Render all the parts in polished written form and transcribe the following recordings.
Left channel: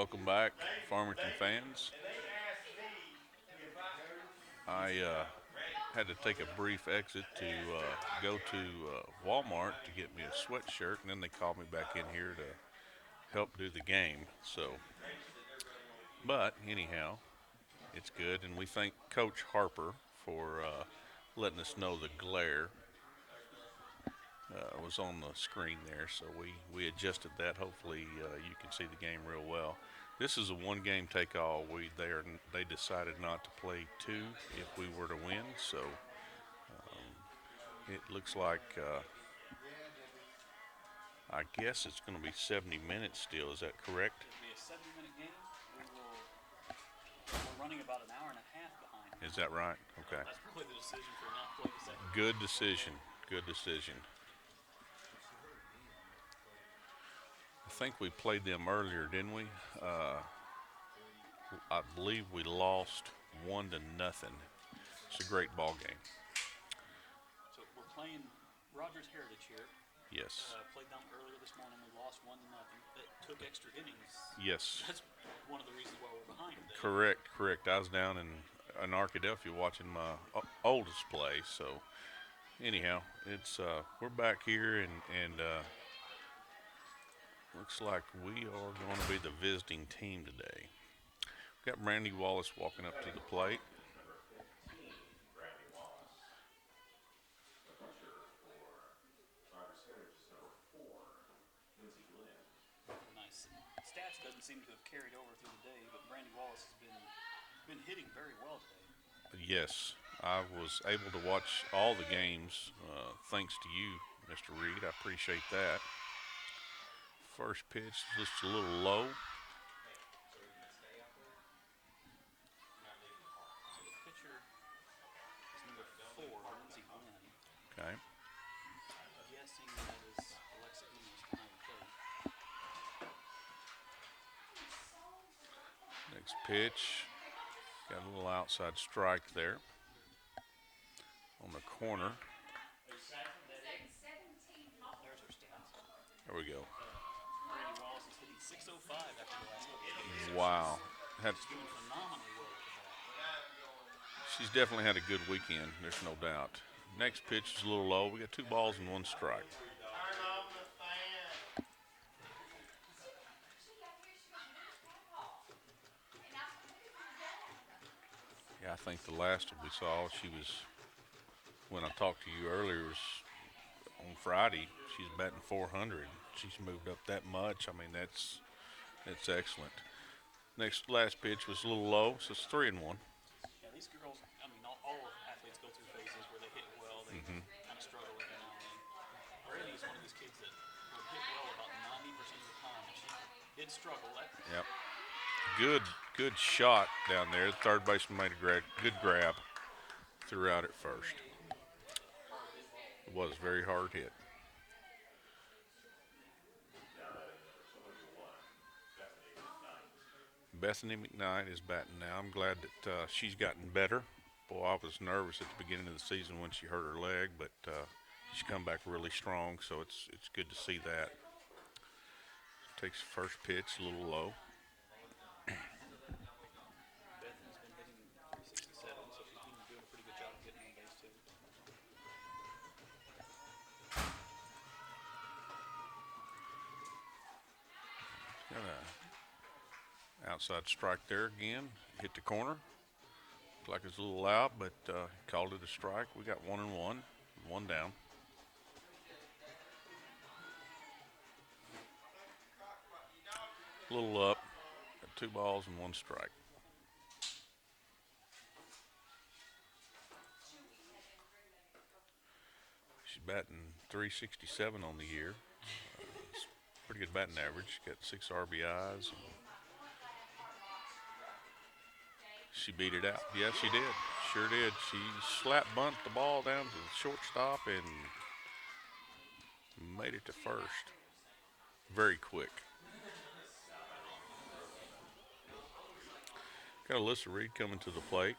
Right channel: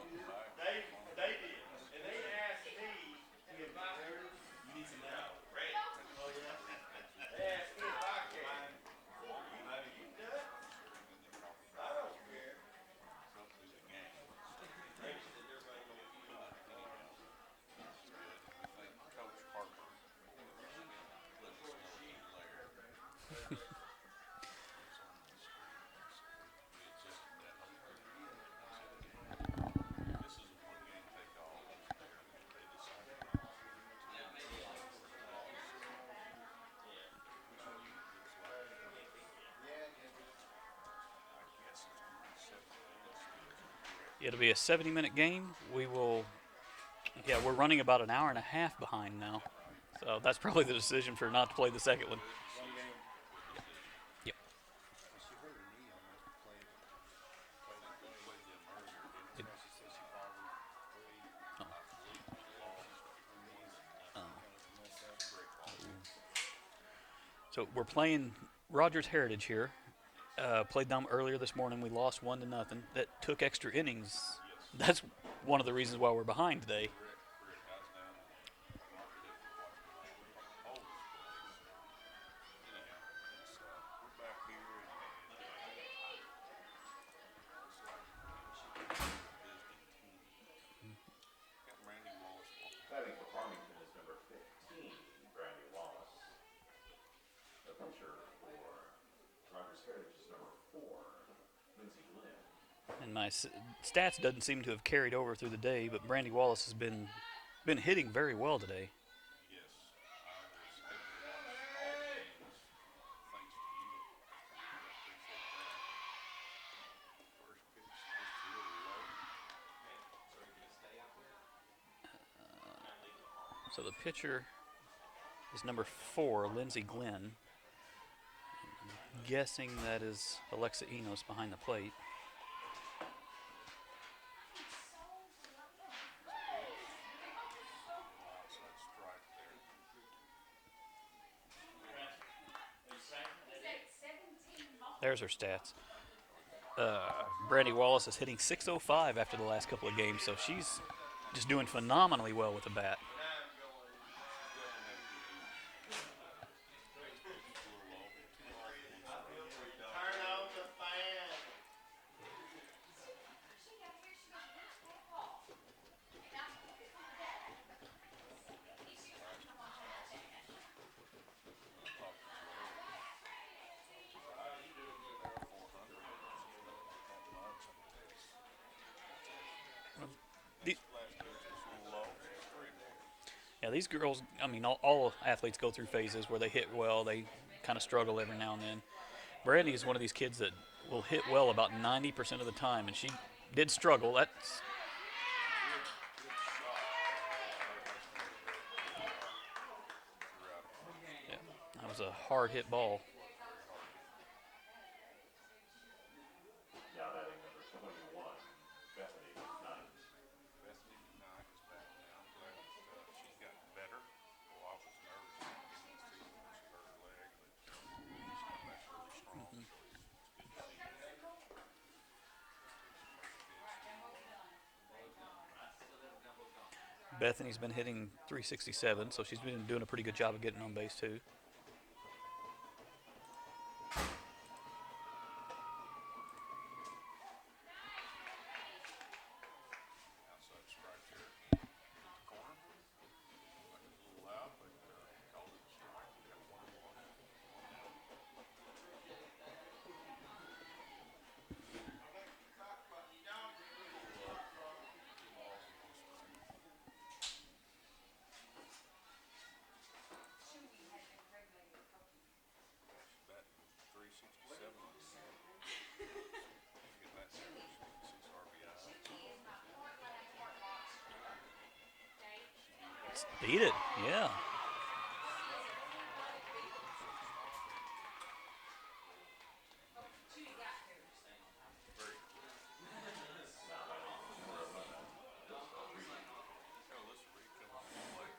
Welcome back, Farmington fans. I had to take a brief exit to go to Walmart to get me a sweatshirt, and then they called me back in here to help do the game. But anyhow, it's good, and we thank Coach Harper for letting us know the glare was on the screen there, so we adjusted that. Hopefully, you can see the game real well. This is a one-game take-all. They decided not to play two if we were to win, so it looks like I guess it's going to be 70 minutes still. Is that correct? It'll be a 70-minute game. Yeah, we're running about an hour and a half behind now. Is that right? So Okay. that's probably the decision for not to play the second one. Good decision. Good decision. Yep. I think we played them earlier, didn't we? I believe we lost 1-0. It's a great ball game. So we're playing Rogers Heritage here. Yes. Played them earlier this morning. We lost 1-0. That took extra innings. Yes. That's one of the reasons why we're behind today. Correct. I was down in Arkadelphia watching my oldest play. So anyhow, it's we're back here and looks like we are going to be the visiting team today. We've got Brandy Wallace walking up to the plate. And my stats doesn't seem to have carried over through the day, but Brandy Wallace has been hitting very well today. Yes, I was able to watch all the games thanks to you, Mr. Reed. I appreciate that. First pitch just a little low. So the pitcher is number 4, Lindsey Glenn. Okay. Guessing that is Alexa Enos behind the plate. Next pitch. Got a little outside strike there on the corner. There's her stats. There we go. Brandy Wallace is hitting .605 after the last couple of games, so Wow. she's just doing phenomenally well with the bat. She's definitely had a good weekend, there's no doubt. Next pitch is a little low. We got 2 balls and 1 strike. Yeah, I think the last we saw, she was, when I talked to you earlier, was on Friday, she's batting .400. She's moved up that much. I mean, that's excellent. Last pitch was a little low, so it's 3-1. Yeah, these girls, I mean, all athletes go through phases where they hit well, they kind of struggle every now and then. Brandy is one of these kids that will hit well about 90% of the time, and she did struggle. Yep. Good shot down there. Third baseman made a good grab. Threw out at first. Yeah, that was a hard hit ball. It was very hard hit. Bethany McKnight is batting now. I'm glad that she's gotten better. Boy, I was nervous at the beginning of the season when she hurt her leg, but she's come back really strong, so it's good to see that. Takes the first pitch, a little low. Bethany's been hitting .367, so she's been doing a pretty good job of getting on base, too. Outside strike there again. Hit the corner. Looked like it's a little out, but called it a strike. We got 1-1, 1 down. A little up. Got 2 balls and 1 strike. She's batting .367 on the year. It's pretty good batting average. Got 6 RBIs. She beat it out. Yes, she did. Yeah. Sure did. She slap bunt the ball down to the shortstop and made it to first. Very quick. Got Alyssa Reed coming to the plate.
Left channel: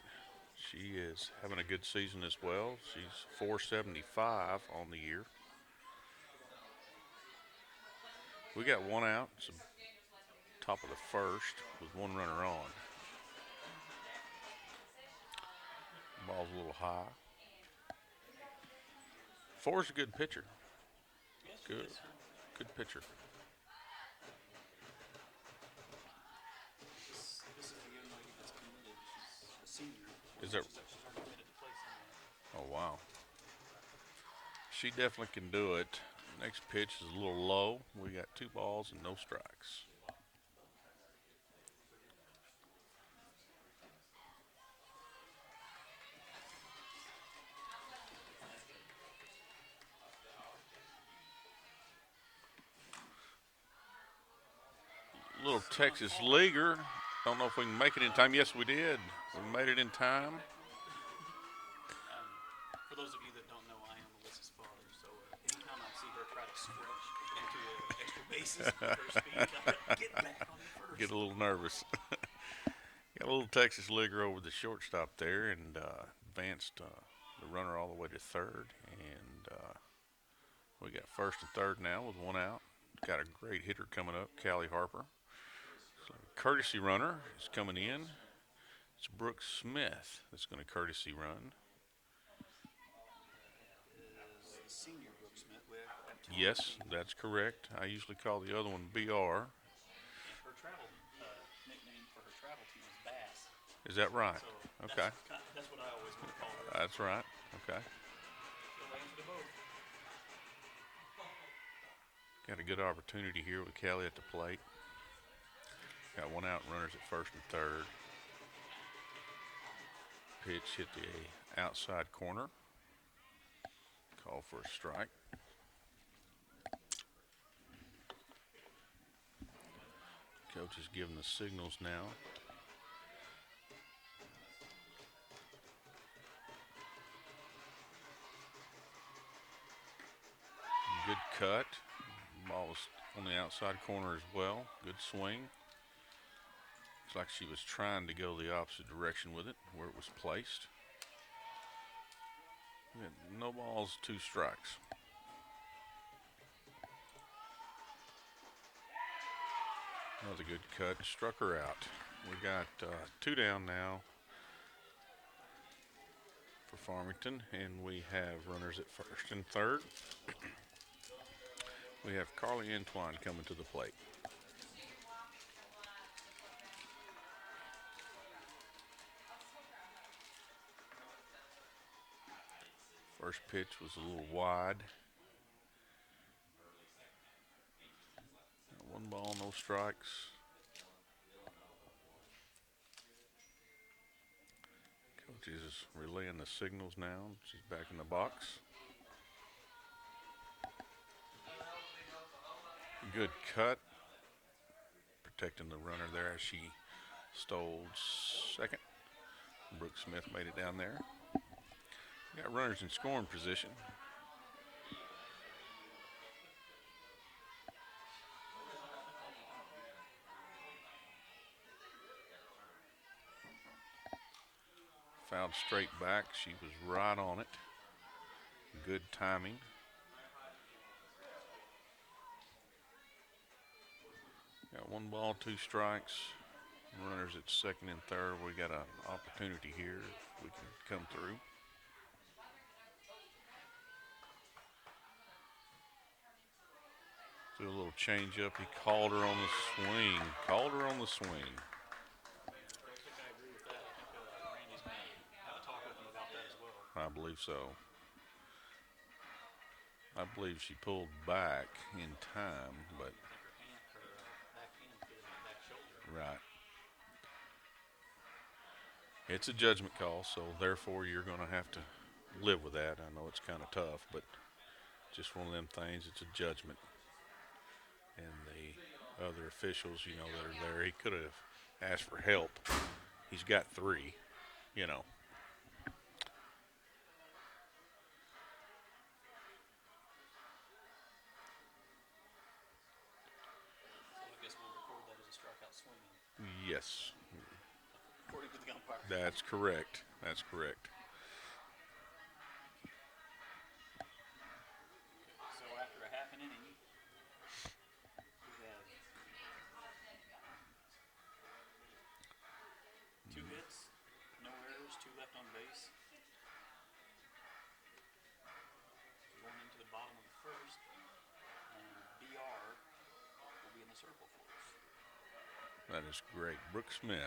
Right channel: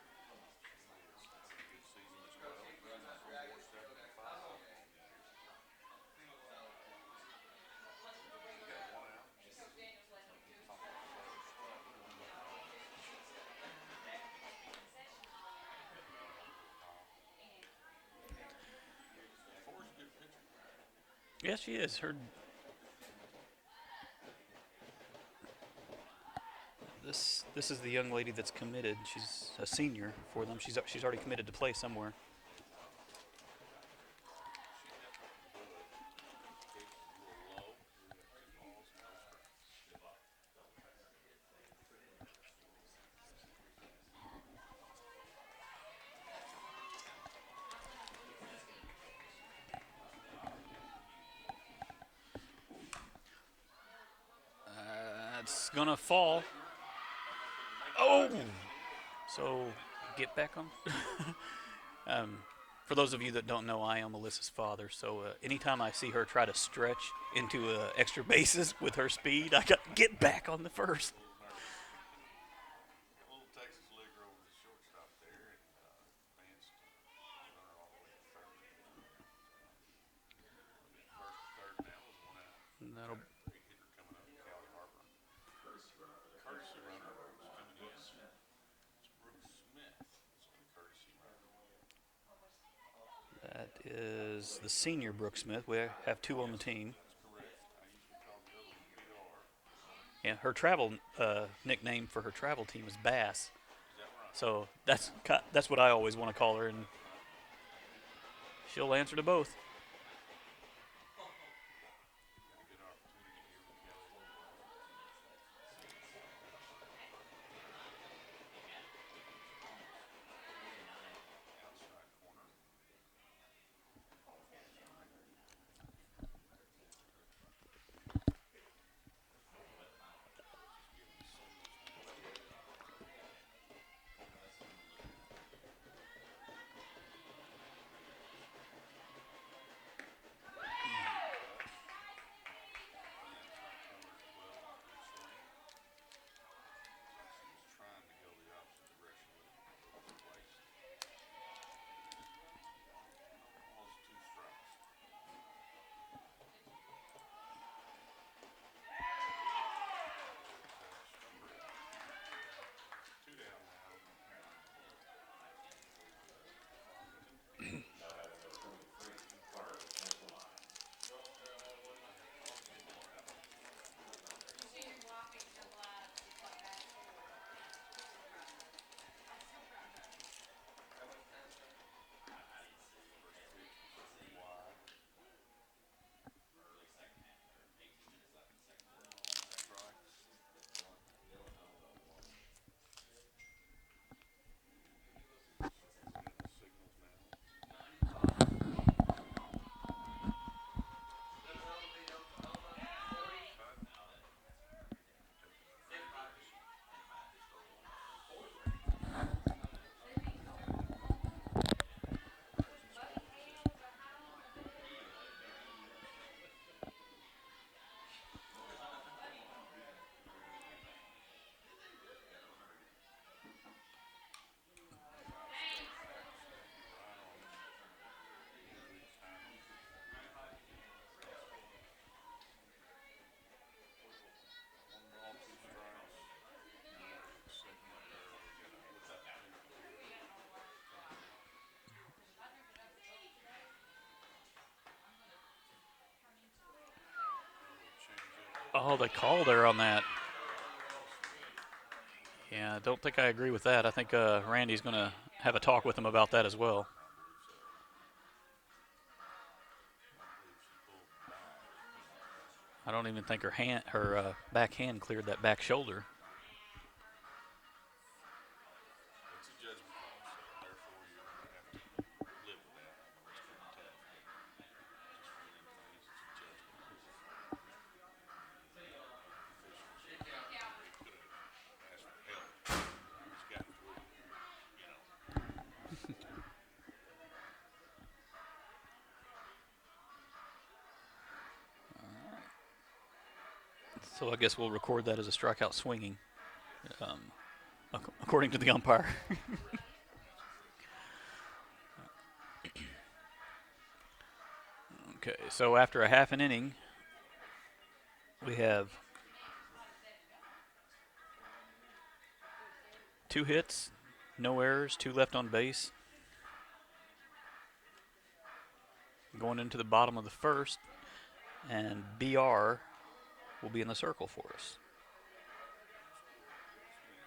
She is having a good season as well. She's .475 on the year. We got 1 out. top of the first with one runner on. Ball's a little high. Four's a good pitcher. Yes, she is. Her Good pitcher. this is the young lady that's committed. She's a senior for Is them. there- She's already committed to play somewhere. Oh, wow. She definitely can do it. Next pitch is a little low. We got 2 balls and no strikes. Little It's gonna Texas fall. leaguer. Don't know if we can make it in time. Yes, we did. So we made it in time. Get back on. For those of you that don't know, I am Alyssa's father. So anytime I see her try to stretch into extra bases with her speed, I got get back on the first. Get a little nervous. Got a little Texas leaguer over the shortstop there and advanced the runner all the way to third. And we got first and third now with 1 out. No. Got a great hitter coming up, Callie Harper. So courtesy runner is coming in. It's Brooke Smith that's going to courtesy run. That is the senior Brooke Smith. We have 2 on Yes, the team. that's correct. I usually call the other one BR. And her travel nickname for her travel team is Bass. Is that right? So Okay. that's what I always want to call her. And That's right. Okay. she'll answer to both. Got a good opportunity here with Kelly at the plate. Got 1 out, runners at first and third. Pitch hit the outside corner. Call for a strike. Coach is giving the signals now. Good cut. Ball was on the outside corner as well. Good swing. Looks like she was trying to go the opposite direction with it, where it was placed. No balls, 2 strikes. Another good cut. Struck her out. We got 2 down now for Farmington, and we have runners at first and third. We have Carly Entwine coming to the plate. First pitch was a little wide. 1 ball, no strikes. Coach is relaying the signals now. She's back in the box. Good cut. Protecting the runner there as she stole second. Brooke Smith made it down there. Got runners in scoring position. Fouled straight back. She was right on it. Good timing. Got 1 ball, 2 strikes. Runners at second and third. We got an opportunity here. We can come through. Do a little change up. He They called her on that. Called her on the swing. Yeah, I don't think I agree with that. I think Randy's going to have a talk with him about that as well. I believe so. I believe she pulled back in time. I don't even think her back hand cleared that back shoulder. Right. It's a judgment call, so therefore you're going to have to live with that. I know it's kind of tough, but just one of them things. It's a judgment. And the other officials, that are there, he could have asked for help. He's got 3, So I guess we'll record that as a strikeout swinging, Yes, according to the umpire. that's correct. That's correct. Okay, so after a half an inning, we have 2 hits, no errors, 2 left on base. Going into the bottom of the first, and BR will be in the circle for us. That is great. Brooke Smith.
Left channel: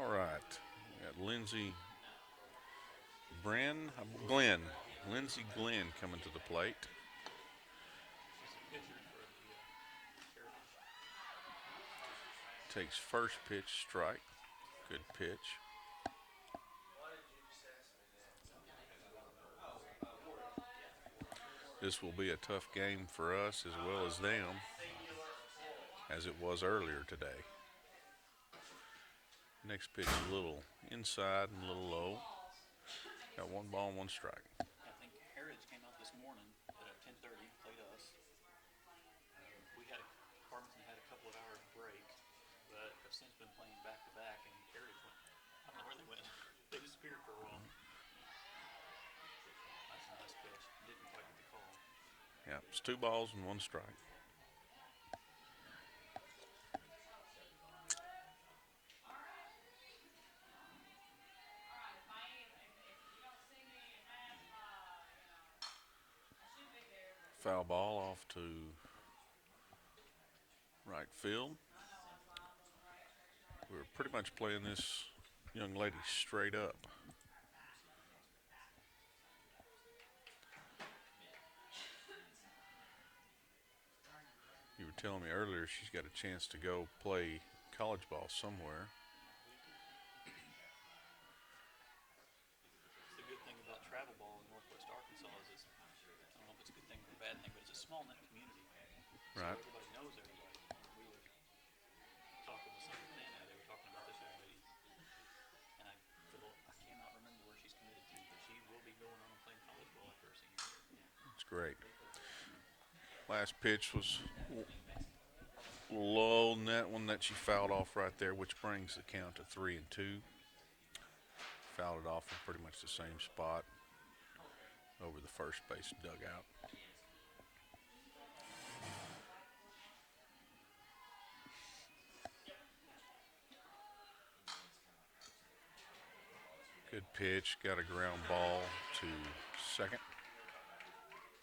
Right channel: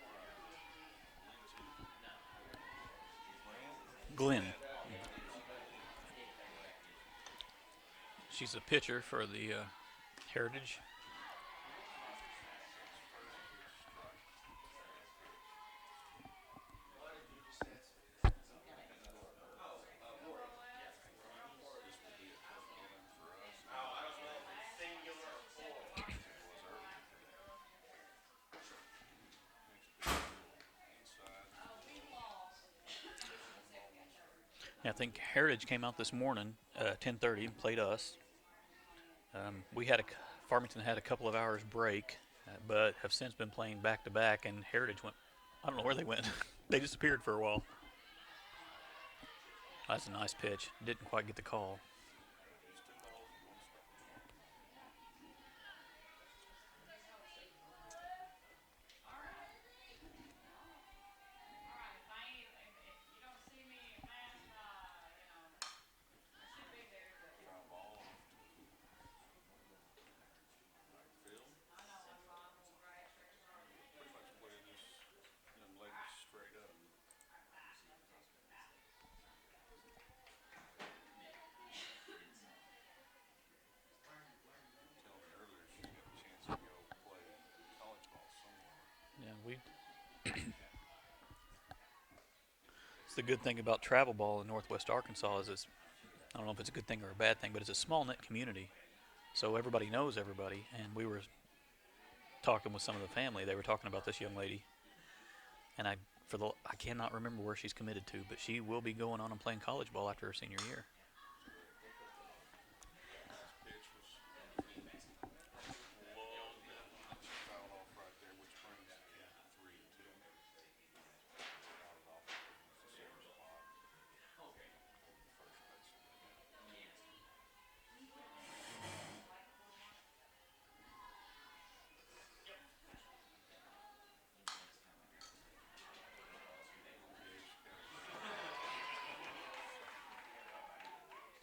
All right. Got Lindsey Glenn. Lindsey Glenn coming to the plate. She's a pitcher for the Heritage. Takes first pitch, strike. Good pitch. This will be a tough game for us as well as them, as it was earlier today. Next pitch a little inside and a little low. Got 1 ball, 1 strike. I think Heritage came out this morning, 10:30, and played us. Farmington had a couple of hours break, but have since been playing back to back. And Heritage went. I don't know where they went. They disappeared for a while. That's a nice pitch. Didn't quite get the call. Yeah, it's 2 balls and 1 strike. Foul ball off to right field. We're pretty much playing this young lady straight up. You were telling me earlier she's got a chance to go play college ball somewhere. Yeah, it's the good thing about travel ball in Northwest Arkansas is I don't know if it's a good thing or a bad thing, but it's a small knit community, so Right. everybody knows everybody. And we were talking with some of the family. They were talking about this young lady, and I cannot remember where she's committed to, but she will be going on and playing college ball after her senior year. That's great. Last pitch was low in that one that she fouled off right there, which brings the count to 3-2. Fouled it off in pretty much the same spot over the first base dugout. Good pitch, got a ground ball to second.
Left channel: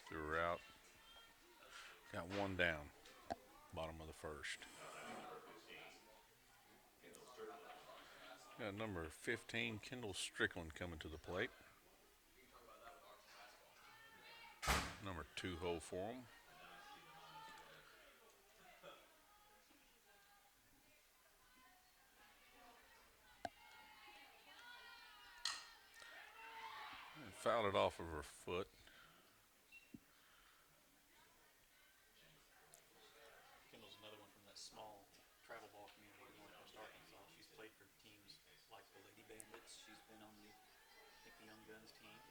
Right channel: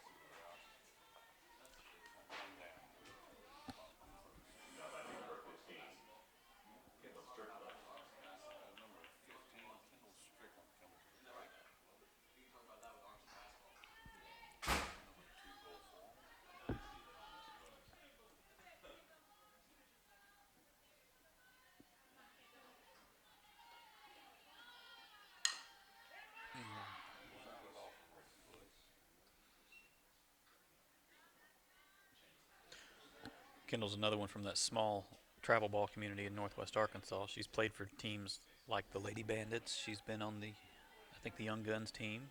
Threw her out. Got 1 down, bottom of the first. Got number 15, Kendall Strickland, coming to the plate. Number 2 hole for him. Fouled it off of her foot. Kendall's another one from that small travel ball community in Northwest Arkansas. She's played for teams like the Lady Bandits. She's been on the Young Guns team.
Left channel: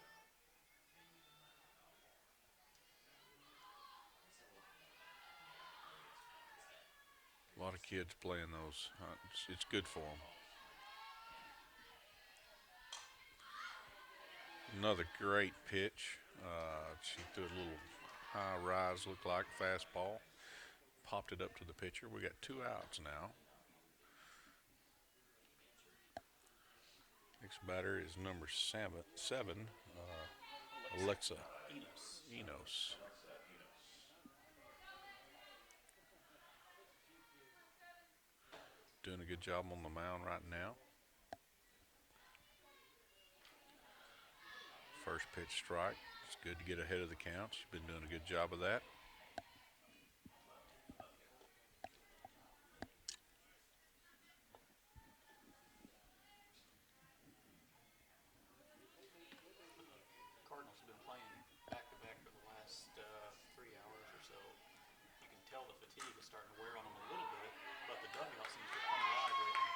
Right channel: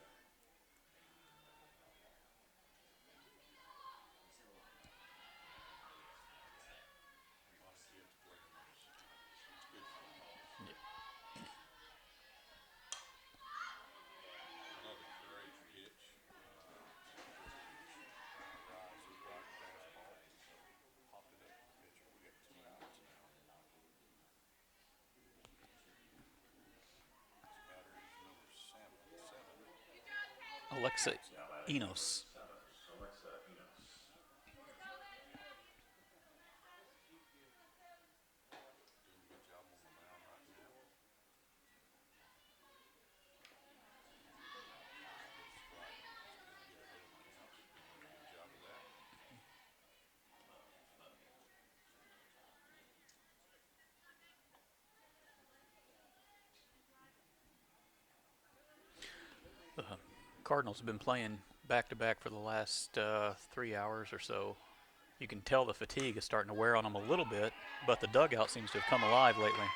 A lot of kids playing those. It's good for them. Another great pitch. She threw a little high rise, looked like fastball. Popped it up to the pitcher. We got 2 outs now. Next batter is number 7. Alexa Alexa Enos. Doing a good job on the mound right now. First pitch strike. It's good to get ahead of the count. She's been doing a good job of that. Cardinals have been playing back to back for the last 3 hours or so. You can tell the fatigue is starting to wear on them a little bit, but the dugout seems to have come alive lately.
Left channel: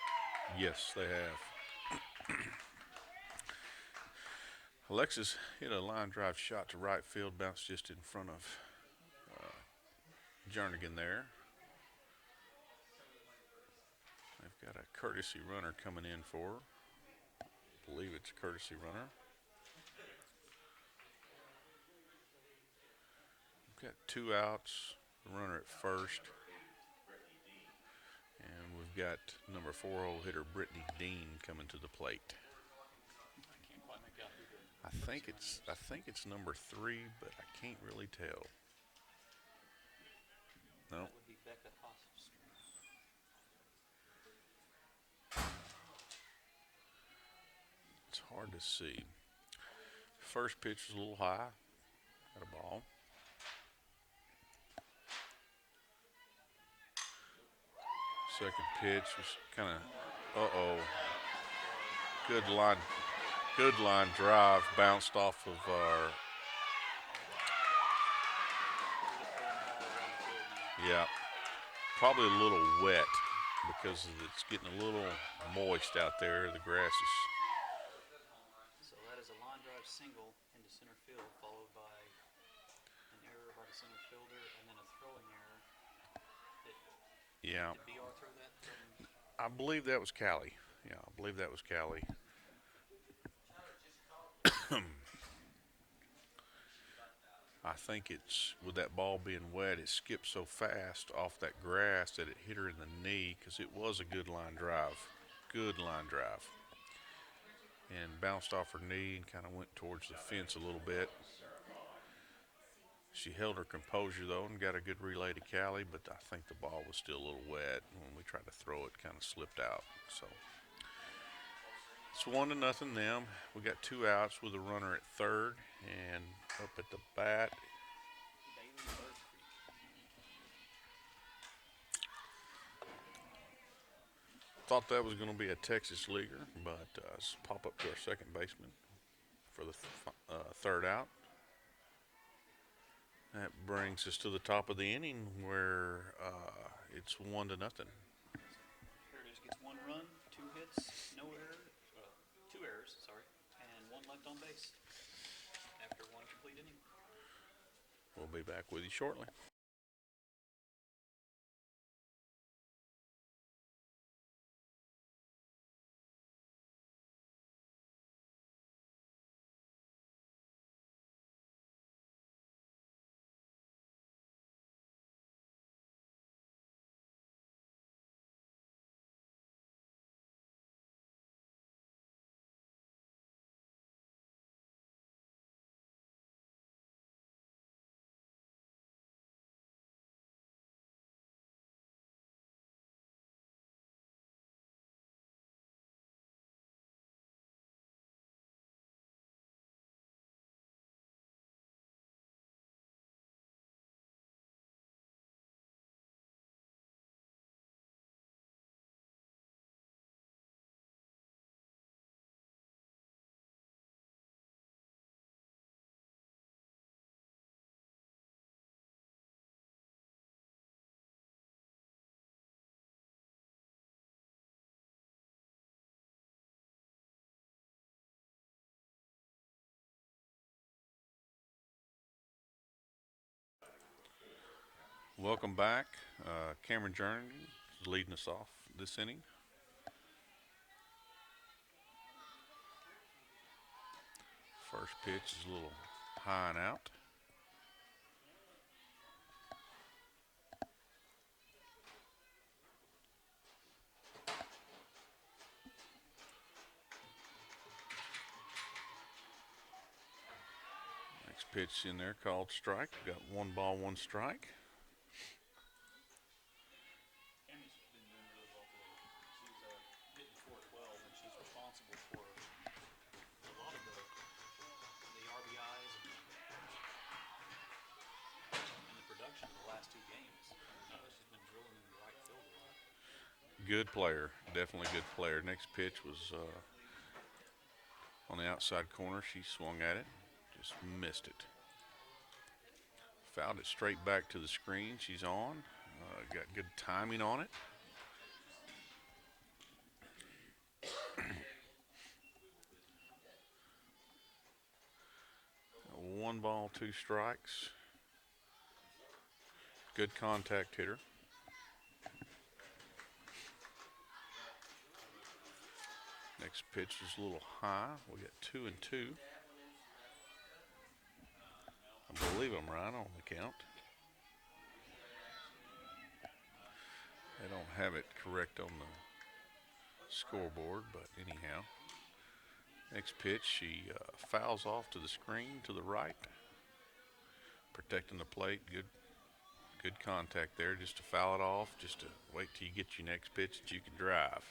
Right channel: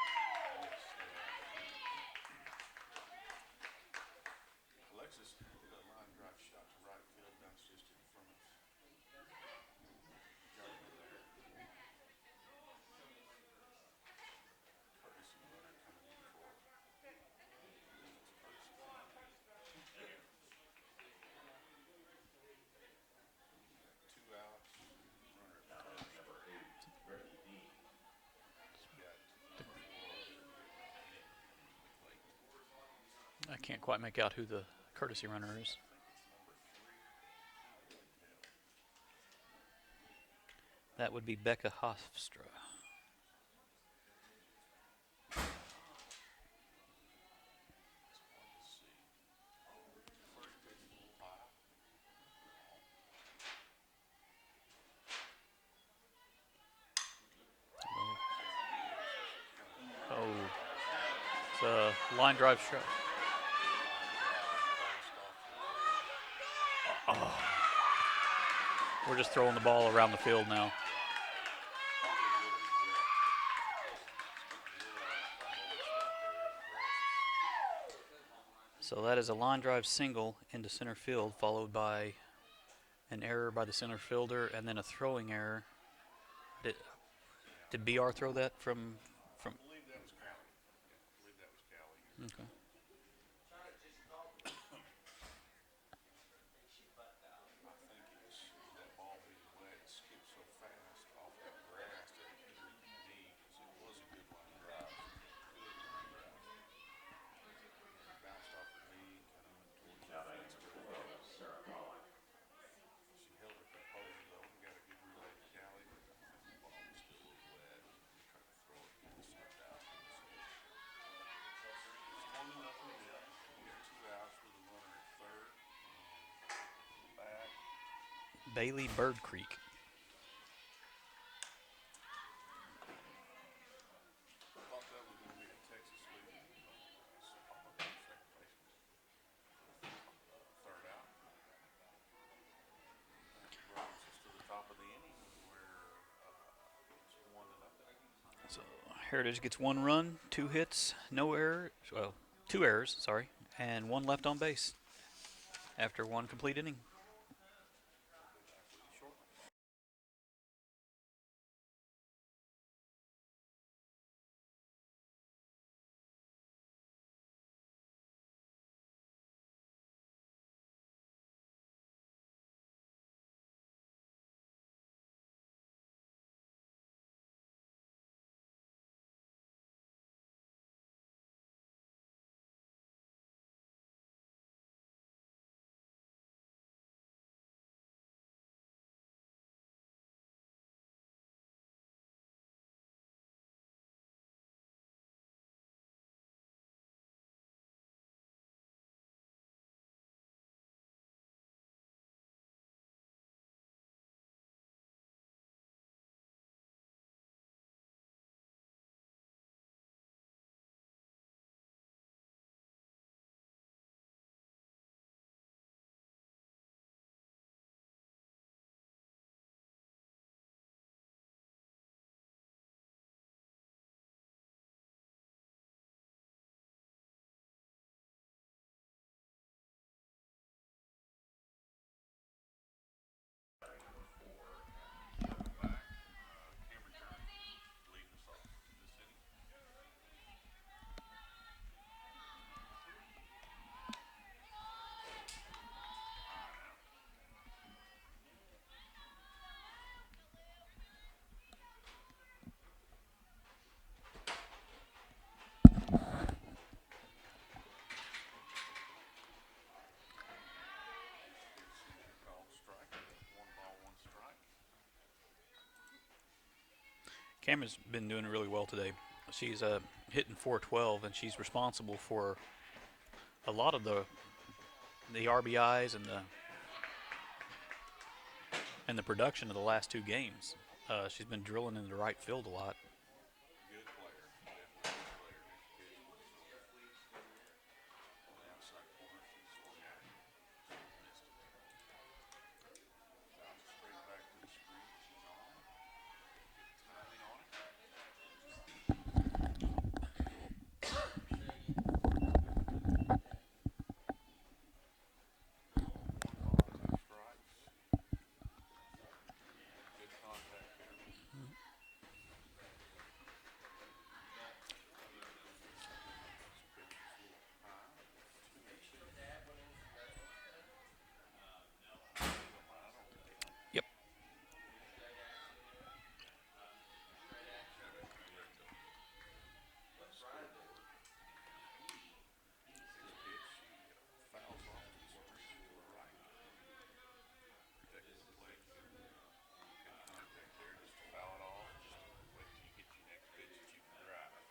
Yes, they have. Alexis hit a line drive shot to right field, bounced just in front of Jernigan there. They've got a courtesy runner coming in for her. I believe it's a courtesy runner. We've got 2 outs, the runner at first. And we've got number 4-hole hitter Brittany Dean coming to the plate. I can't quite make out who the courtesy runner is. I think it's number 3, but I can't really tell. No. That would be Becca Hofstra. It's hard to see. First pitch was a little high. Got a ball. Second pitch was kind of. It's a line drive. Good line drive. Bounced off of our. We're just throwing the ball around the field now. Yeah. Probably a little wet because it's getting a little moist out there. The grass is. So that is a line drive single into center field, followed by an error by the center fielder, and then a throwing error. Did BR throw that from? I believe that was Callie. Yeah, I believe that was Callie. Okay. I think it's, with that ball being wet, it skipped so fast off that grass that it hit her in the knee, because it was a good line drive. Good line drive. And bounced off her knee and kind of went towards the fence a little bit. She held her composure, though, and got a good relay to Callie, but I think the ball was still a little wet. When we tried to throw it, kind of slipped out. So it's 1-0 them. We got 2 outs with a runner at third, and up at the bat, Bailey Bird Creek. thought that was going to be a Texas leaguer, but pop up to our second baseman for the third out. That brings us to the top of the inning where it's 1-0. So Heritage gets 1 run, 2 hits, no error. Well, 2 errors, sorry, and 1 left on base after 1 complete inning. We'll be back with you shortly. Welcome back. Cameron Jernigan is leading us off this inning. First pitch is a little high and out. Next pitch in there called strike. We've got 1 ball, 1 strike. Cameron's been doing really well today. She's hitting .412, and she's responsible for a lot of the RBIs and the production of the last 2 games. She's been drilling into right field a lot. Good player, definitely good player. Next pitch was on the outside corner. She swung at it, Just missed it. Fouled it straight back to the screen. She's on. Got good timing on it. One ball, two strikes. Good contact hitter. Next pitch is a little high. We got 2-2. I believe I'm right on the count. Yep. They don't have it correct on the scoreboard, but anyhow. Next pitch, she fouls off to the screen to the right. Protecting the plate. Good contact there. Just to foul it off. Just to wait till you get your next pitch that you can drive.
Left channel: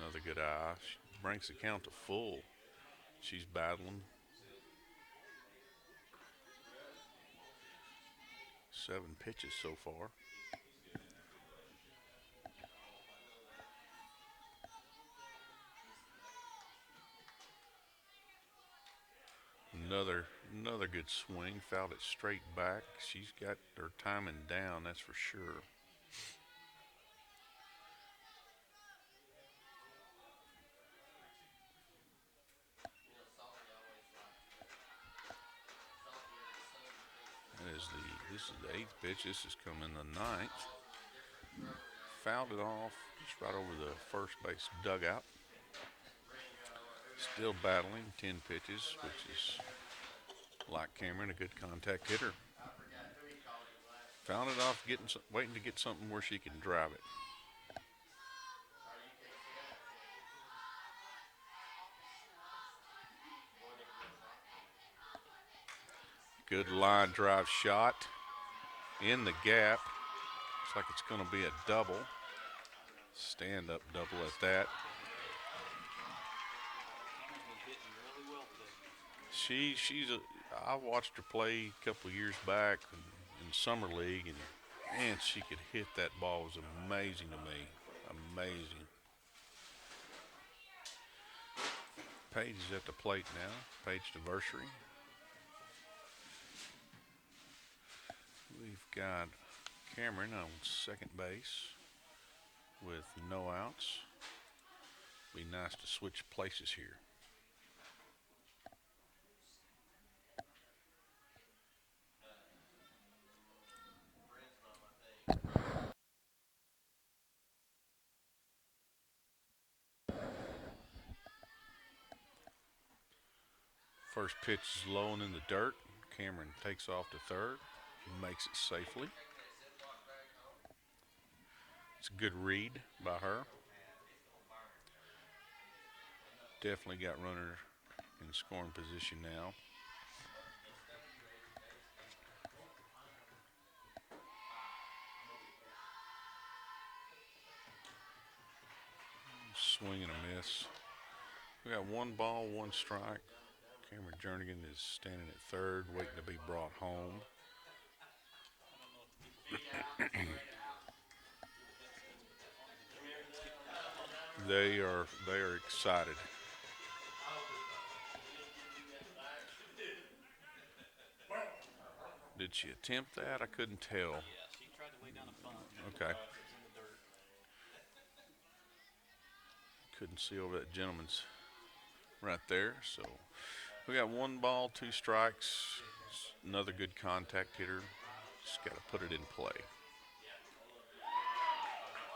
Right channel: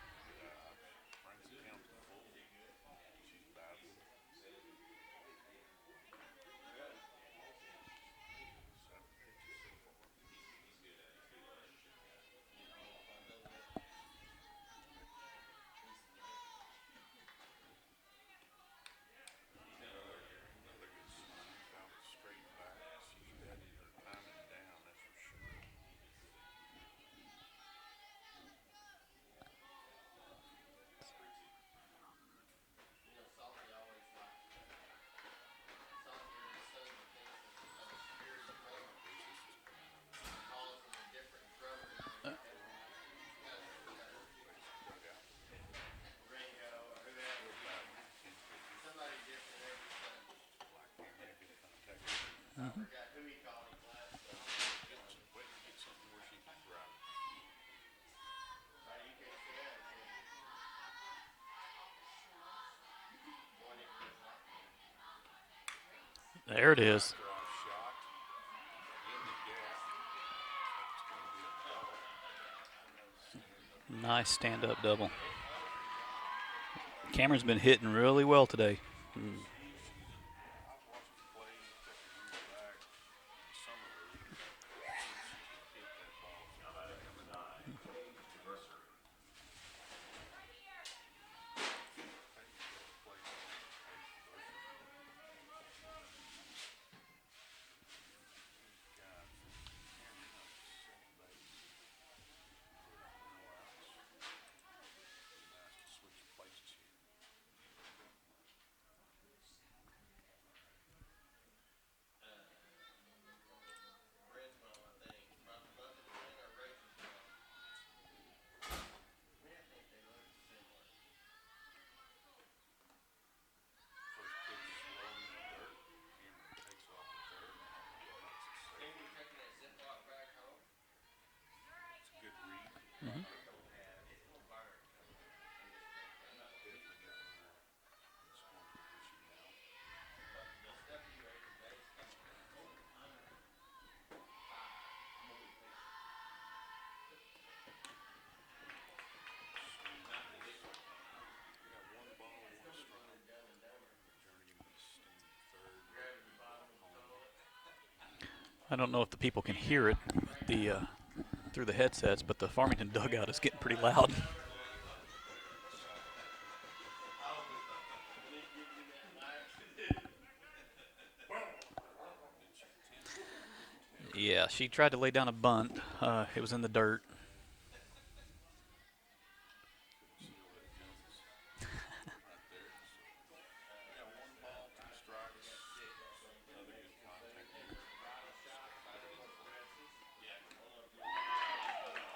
Another good eye. She brings the count to full. She's battling. 7 pitches so far. Another good swing. Fouled it straight back. She's got her timing down, that's for sure. This is the 8th pitch. This is coming the 9th. Fouled it off just right over the first base dugout. Still battling 10 pitches, which is like Cameron, a good contact hitter. Fouled it off, waiting to get something where she can drive it. Good there it line is. drive shot in the gap. Looks like it's going to be a double. Stand up double. Nice stand up double. Cameron's been hitting really well today. I watched her play a couple of years back in summer league, and man, she could hit that ball. It was amazing to me. Amazing. Paige is at the plate now. Paige to Varsity. We've got Cameron on second base with no outs. Be nice to switch places here. First pitch is low and in the dirt. Cameron takes off to third, makes it safely. It's a good read by her. Definitely got runner in scoring position now. Swing and a miss. We got 1 ball, 1 strike. Cameron Jernigan is standing at third, waiting to be brought home. I don't know if the people can hear it through the headsets, but the Farmington dugout is getting pretty loud. They are excited. Did she attempt that? I couldn't tell. Yeah, she tried to lay down a bunt. Okay. It was in the dirt. Couldn't see over that gentleman's right there. So we got 1 ball, 2 strikes. Another good contact hitter. Just got to put it in play.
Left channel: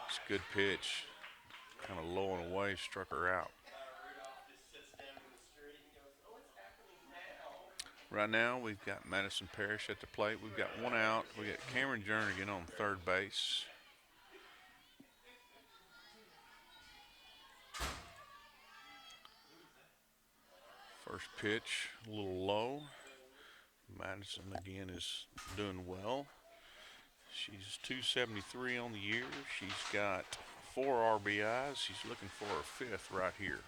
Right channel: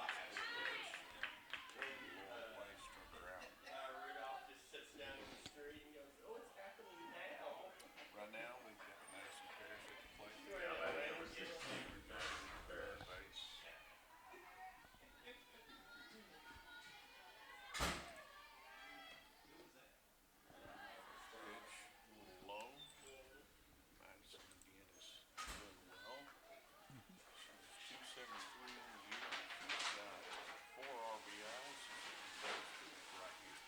It's a good pitch. Kind of low and away, struck her out. Right now, we've got Madison Parrish at the plate. We've got 1 out. We got Cameron Jernigan on third base. First pitch, a little low. Madison again is doing well. She's 273 on the year. She's got 4 RBIs. She's looking for her 5th right here.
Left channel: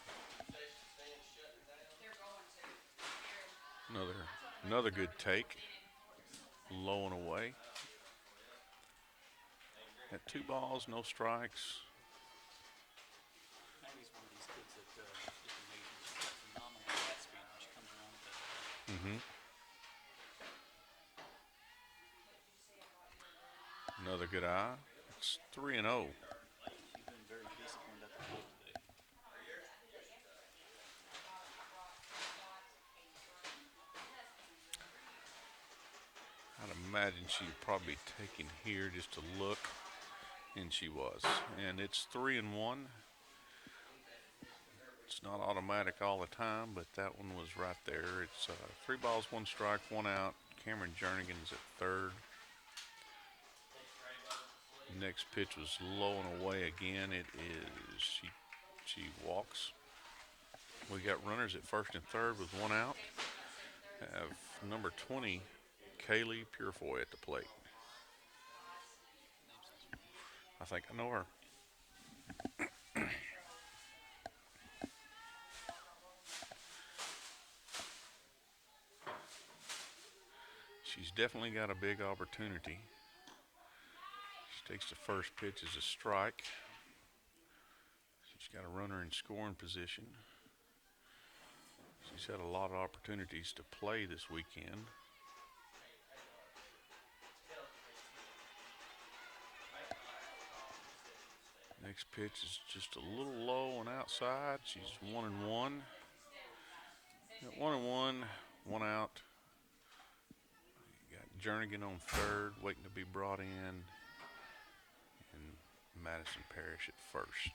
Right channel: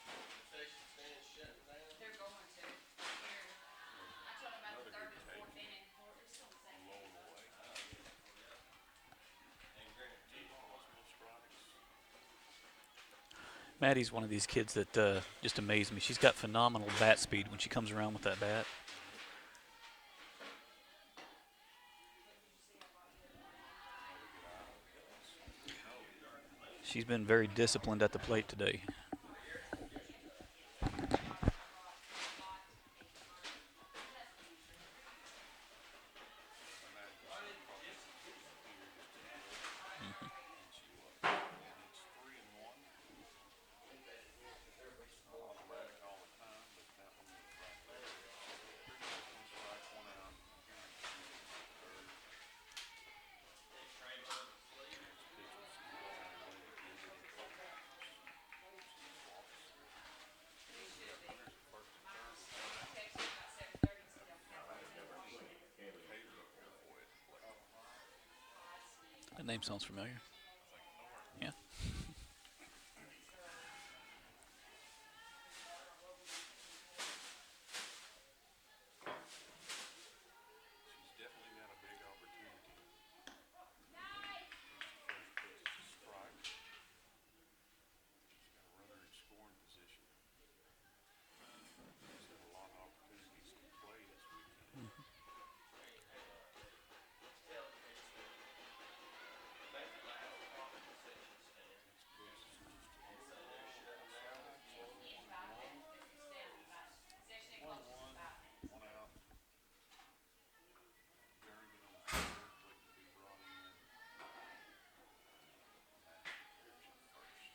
Another good take. low and away. At 2 balls, no strikes. Maddie's one of these kids that just amazes me. She's got phenomenal bat speed when she comes around with that bat. Mm-hmm. Another good eye. It's 3-0. She's been very disciplined at the plate today. I'd imagine she'd probably taken here just to look, and she was. And it's 3-1. It's not automatic all the time, but that one was right there. It's 3 balls, 1 strike, 1 out. Cameron Jernigan's at third. The next pitch was low and away again. It is she walks. We got runners at first and third with 1 out. Have number 20, Kaylee Purefoy at the plate. That name sounds familiar. I think I know her. Yeah. She's definitely got a big opportunity. She takes the first pitch as a strike. She's got a runner in scoring position. She's had a lot of opportunities to play this weekend. Next pitch is just a little low and outside. She's 1-1. Got 1-1, 1 out. Got Jernigan on third, waiting to be brought in, and Madison Parrish at first.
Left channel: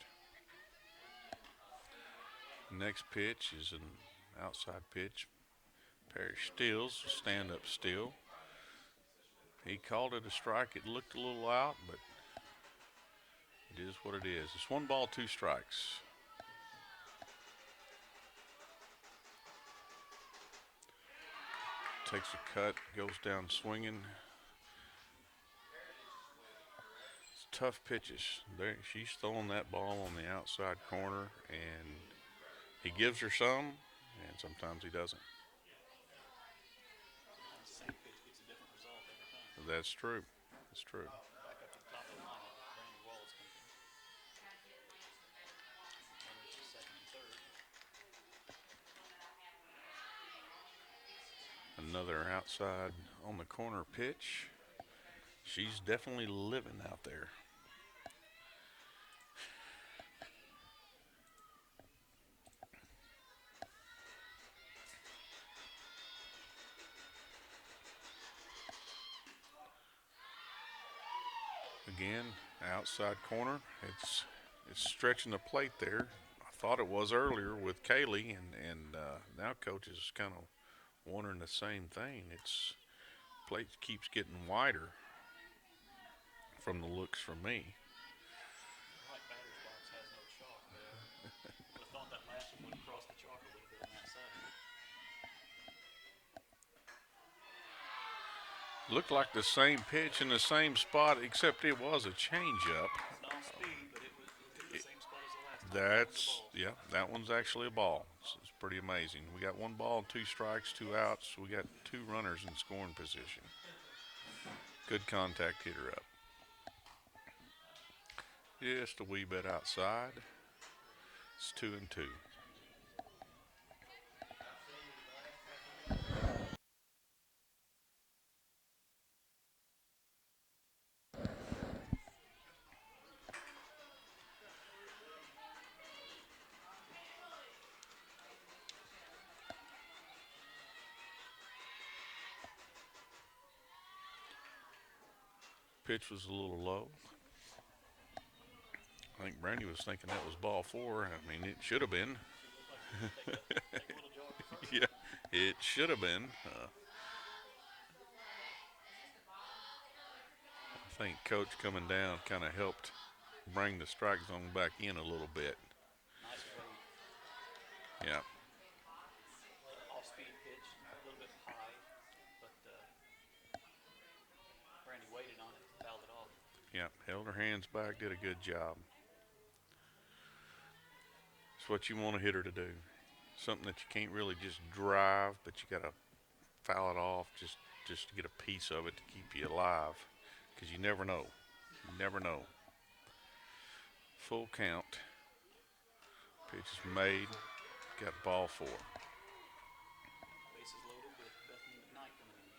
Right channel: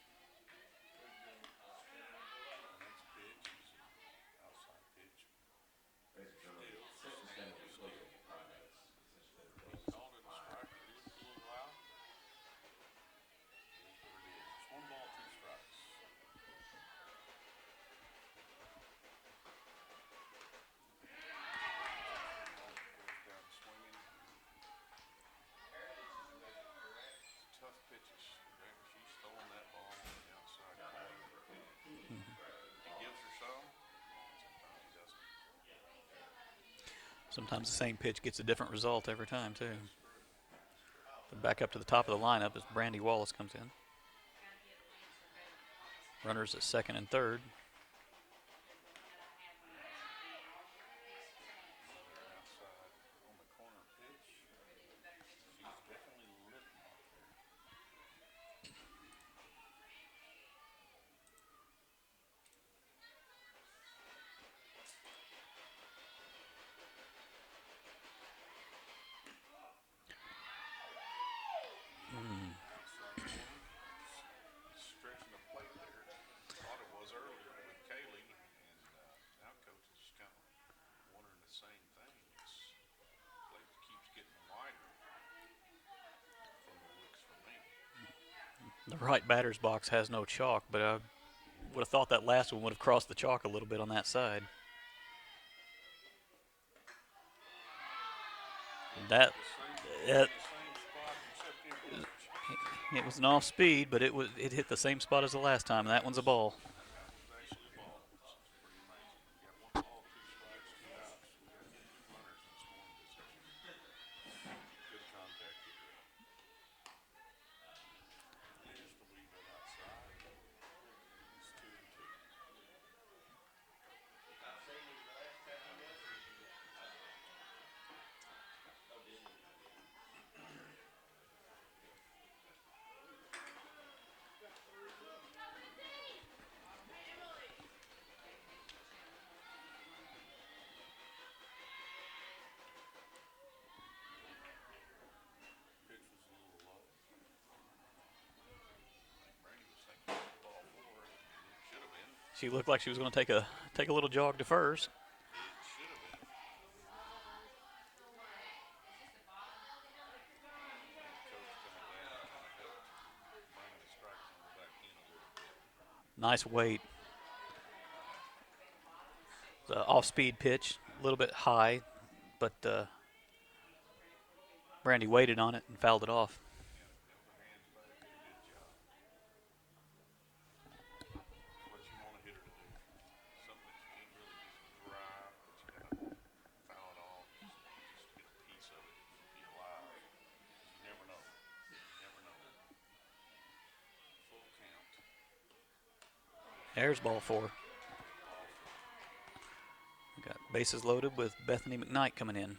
Next pitch is an outside pitch. Parrish steals, stand-up steal. He called it a strike. It looked a little out, but it is what it is. It's 1 ball, 2 strikes. Takes a cut, goes down swinging. It's tough pitches. She's throwing that ball on the outside corner, and he gives her some, and sometimes he doesn't. Sometimes the same pitch gets a different result every time, too. That's true. That's true. But back up to the top of the lineup as Brandy Wallace comes in. Runners at second and third. Another outside on the corner pitch. She's definitely living out there. Again, outside corner. It's stretching the plate there. I thought it was earlier with Kaylee, and now coach is kind of wondering the same thing. It's plate keeps getting wider from the looks from me. The right batter's box has no chalk, but I would have thought that last one would have crossed the chalk a little bit on that side. Looked like the same pitch in the same spot, except it was a changeup. It was an off speed, but it hit the same spot as the last time. That one's a ball. Yeah, that one's actually a ball. It's pretty amazing. We got 1 ball, 2 strikes, 2 outs. We got 2 runners in scoring position. Good contact, hit her up. Just a wee bit outside. It's 2-2. Pitch was a little low. I think Brandy was thinking that was ball 4. I mean, it should have been. She looked like she was going to take a little jog to first. Yeah, it should have been. I think coach coming down kind of helped bring the strike zone back in a little bit. Nice weight. Yeah. The off-speed pitch, a little bit high, but Brandy waited on it and fouled it off. Yeah, held her hands back, did a good job. It's what you want a hitter to do. Something that you can't really just drive, but you got to foul it off. Just just to get a piece of it to keep you alive, because you never know. You never know. Full count. Pitch is There's ball made. four. Got ball four. We got bases loaded with Bethany McKnight coming in.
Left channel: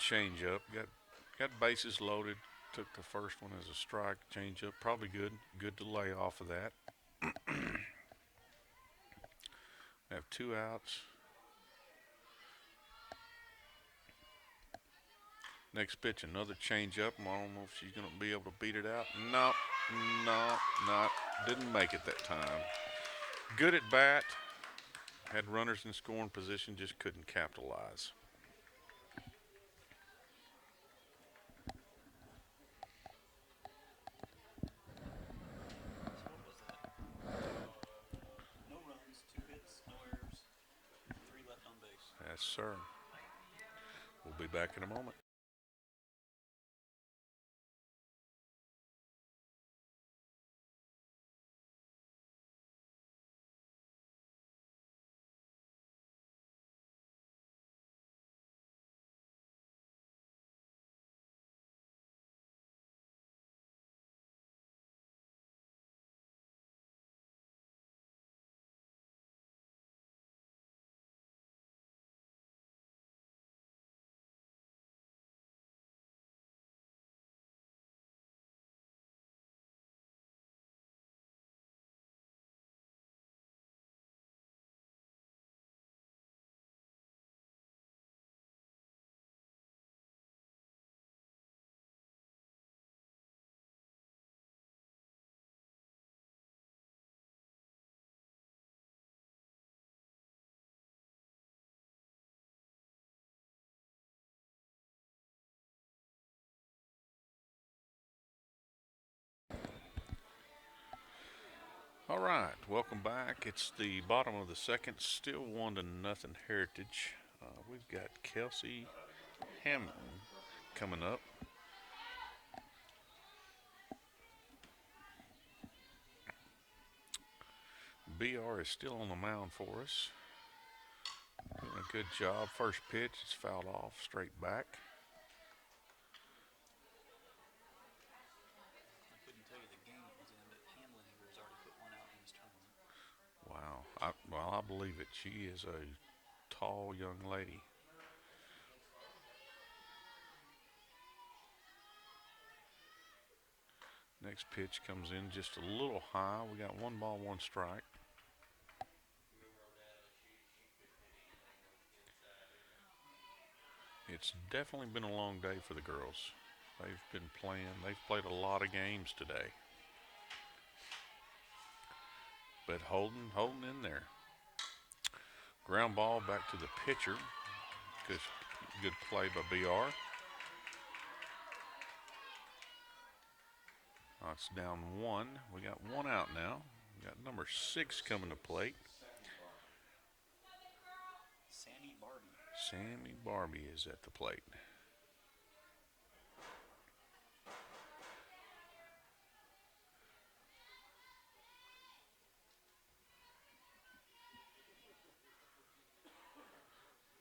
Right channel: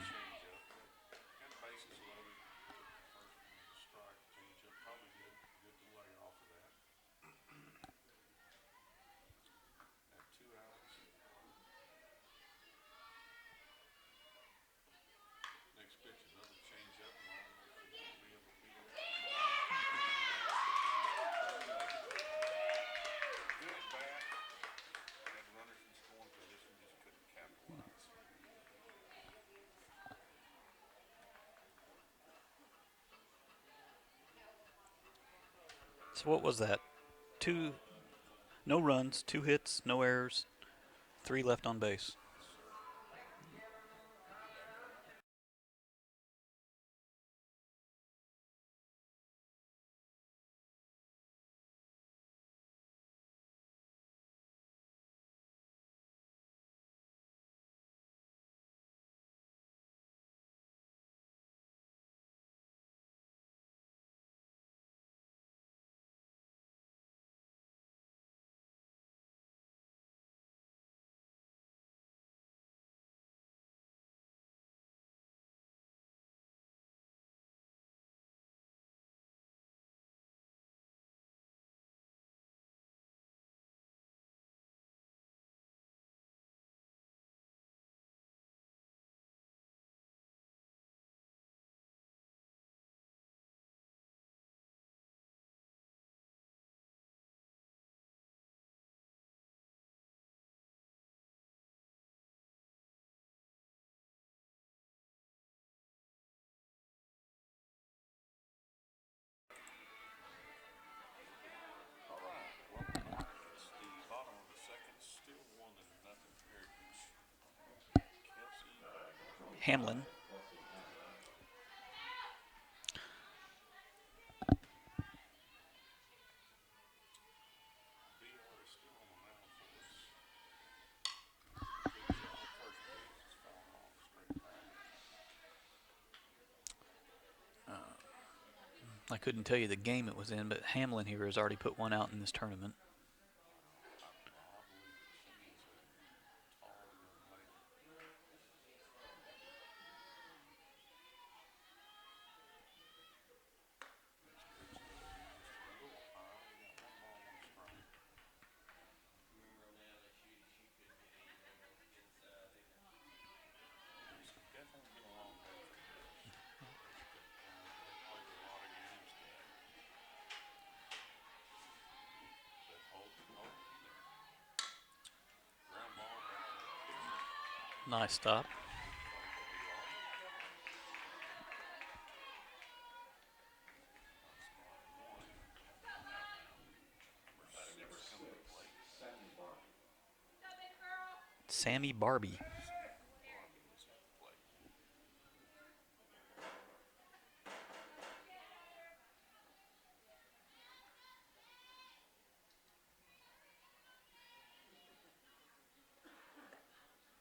Change up. Got bases loaded. Took the first one as a strike. Change up. Probably good. Good to lay off of that. Have 2 outs. Next pitch, another change up. I don't know if she's going to be able to beat it out. No, no. Didn't make it that time. Good at bat. Had runners in scoring position, just couldn't capitalize. So what was that? No runs, 2 hits, no errors, 3 left on base. Yes, sir. We'll be back in a moment. All right, welcome back. It's the bottom of the second, still 1-0 Heritage. We've got Kelsey Hamlin. coming up. BR is still on the mound for us. Doing a good job. First pitch is fouled off, straight back. I couldn't tell you the game it was in, but Hamlin here has already put 1 out in this tournament. Wow. I believe it. She is a tall young lady. Next pitch comes in just a little high. We got 1-1 strike. It's definitely been a long day for the girls. They've been playing. They've played a lot of games today. But holding in there. Ground ball back to the pitcher. Nice stop. Good play by BR. It's down 1. We got 1 out now. We got number 6 coming to plate. Sammy Barbie. Sammy Barbie is at the plate.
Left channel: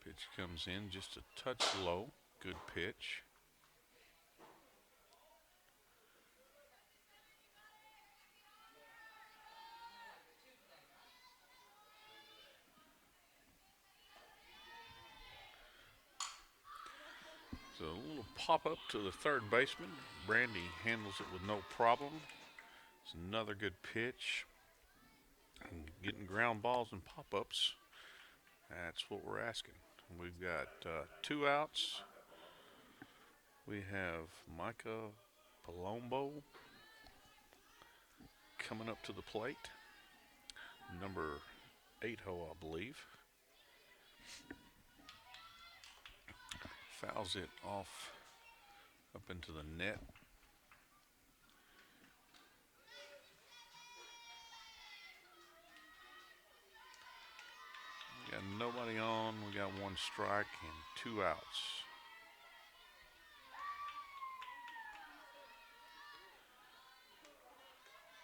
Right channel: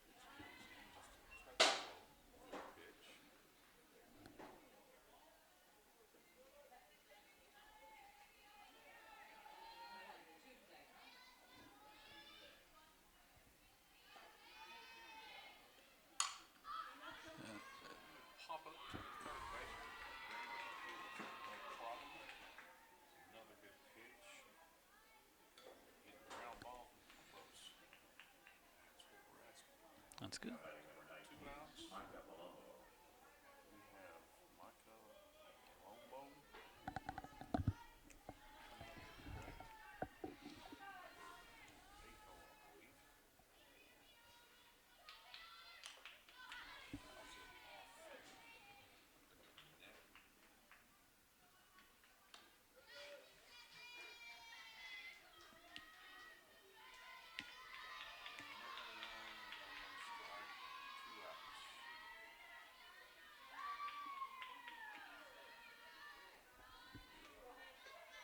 Pitch comes in just a touch low. Good pitch. So a little pop up to the third baseman. Brandy handles it with no problem. It's another good pitch. And getting ground balls and pop ups. That's what we're asking. We've got 2 outs. We have Micah Palombo coming up to the plate. Number 8 hole, I believe. Fouls it off up into the net. Got strike and 2 outs.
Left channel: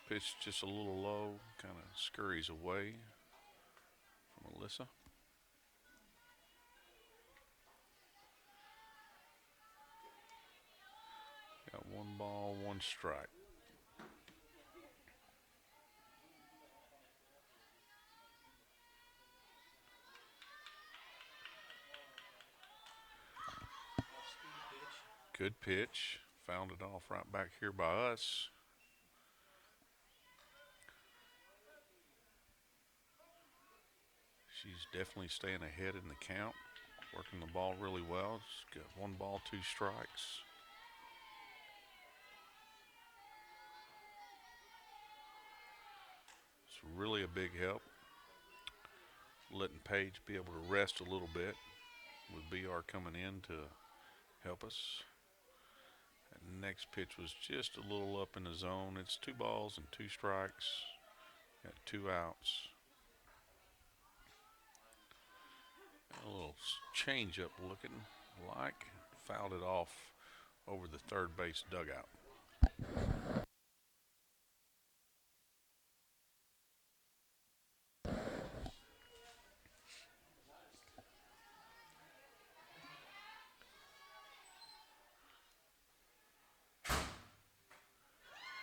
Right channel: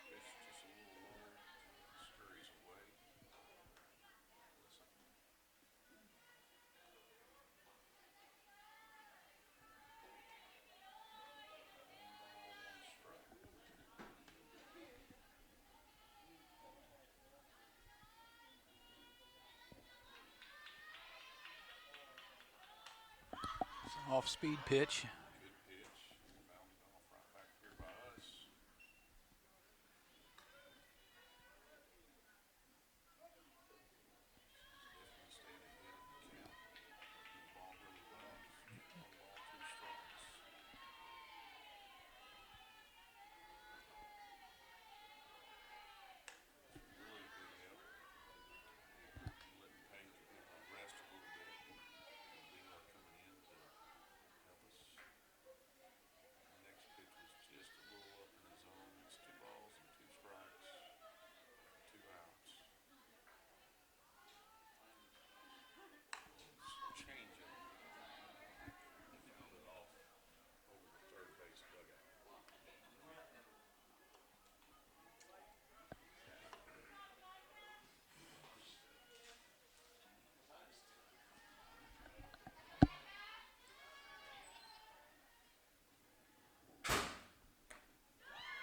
Pitch just a little low, kind of scurries away. Melissa. Got 1 ball, 1 strike. Off-speed pitch. Good pitch. Fouled it off right back here by us. She's definitely staying ahead in the count. Working the ball really well. She's got 1 ball, 2 strikes. It's really a big help. Letting Paige be able to rest a little bit with BR coming in to help us. That next pitch was just a little up in the zone. It's 2 balls and 2 strikes. Got 2 outs. A little change up looking like. Fouled it off over the third base dugout.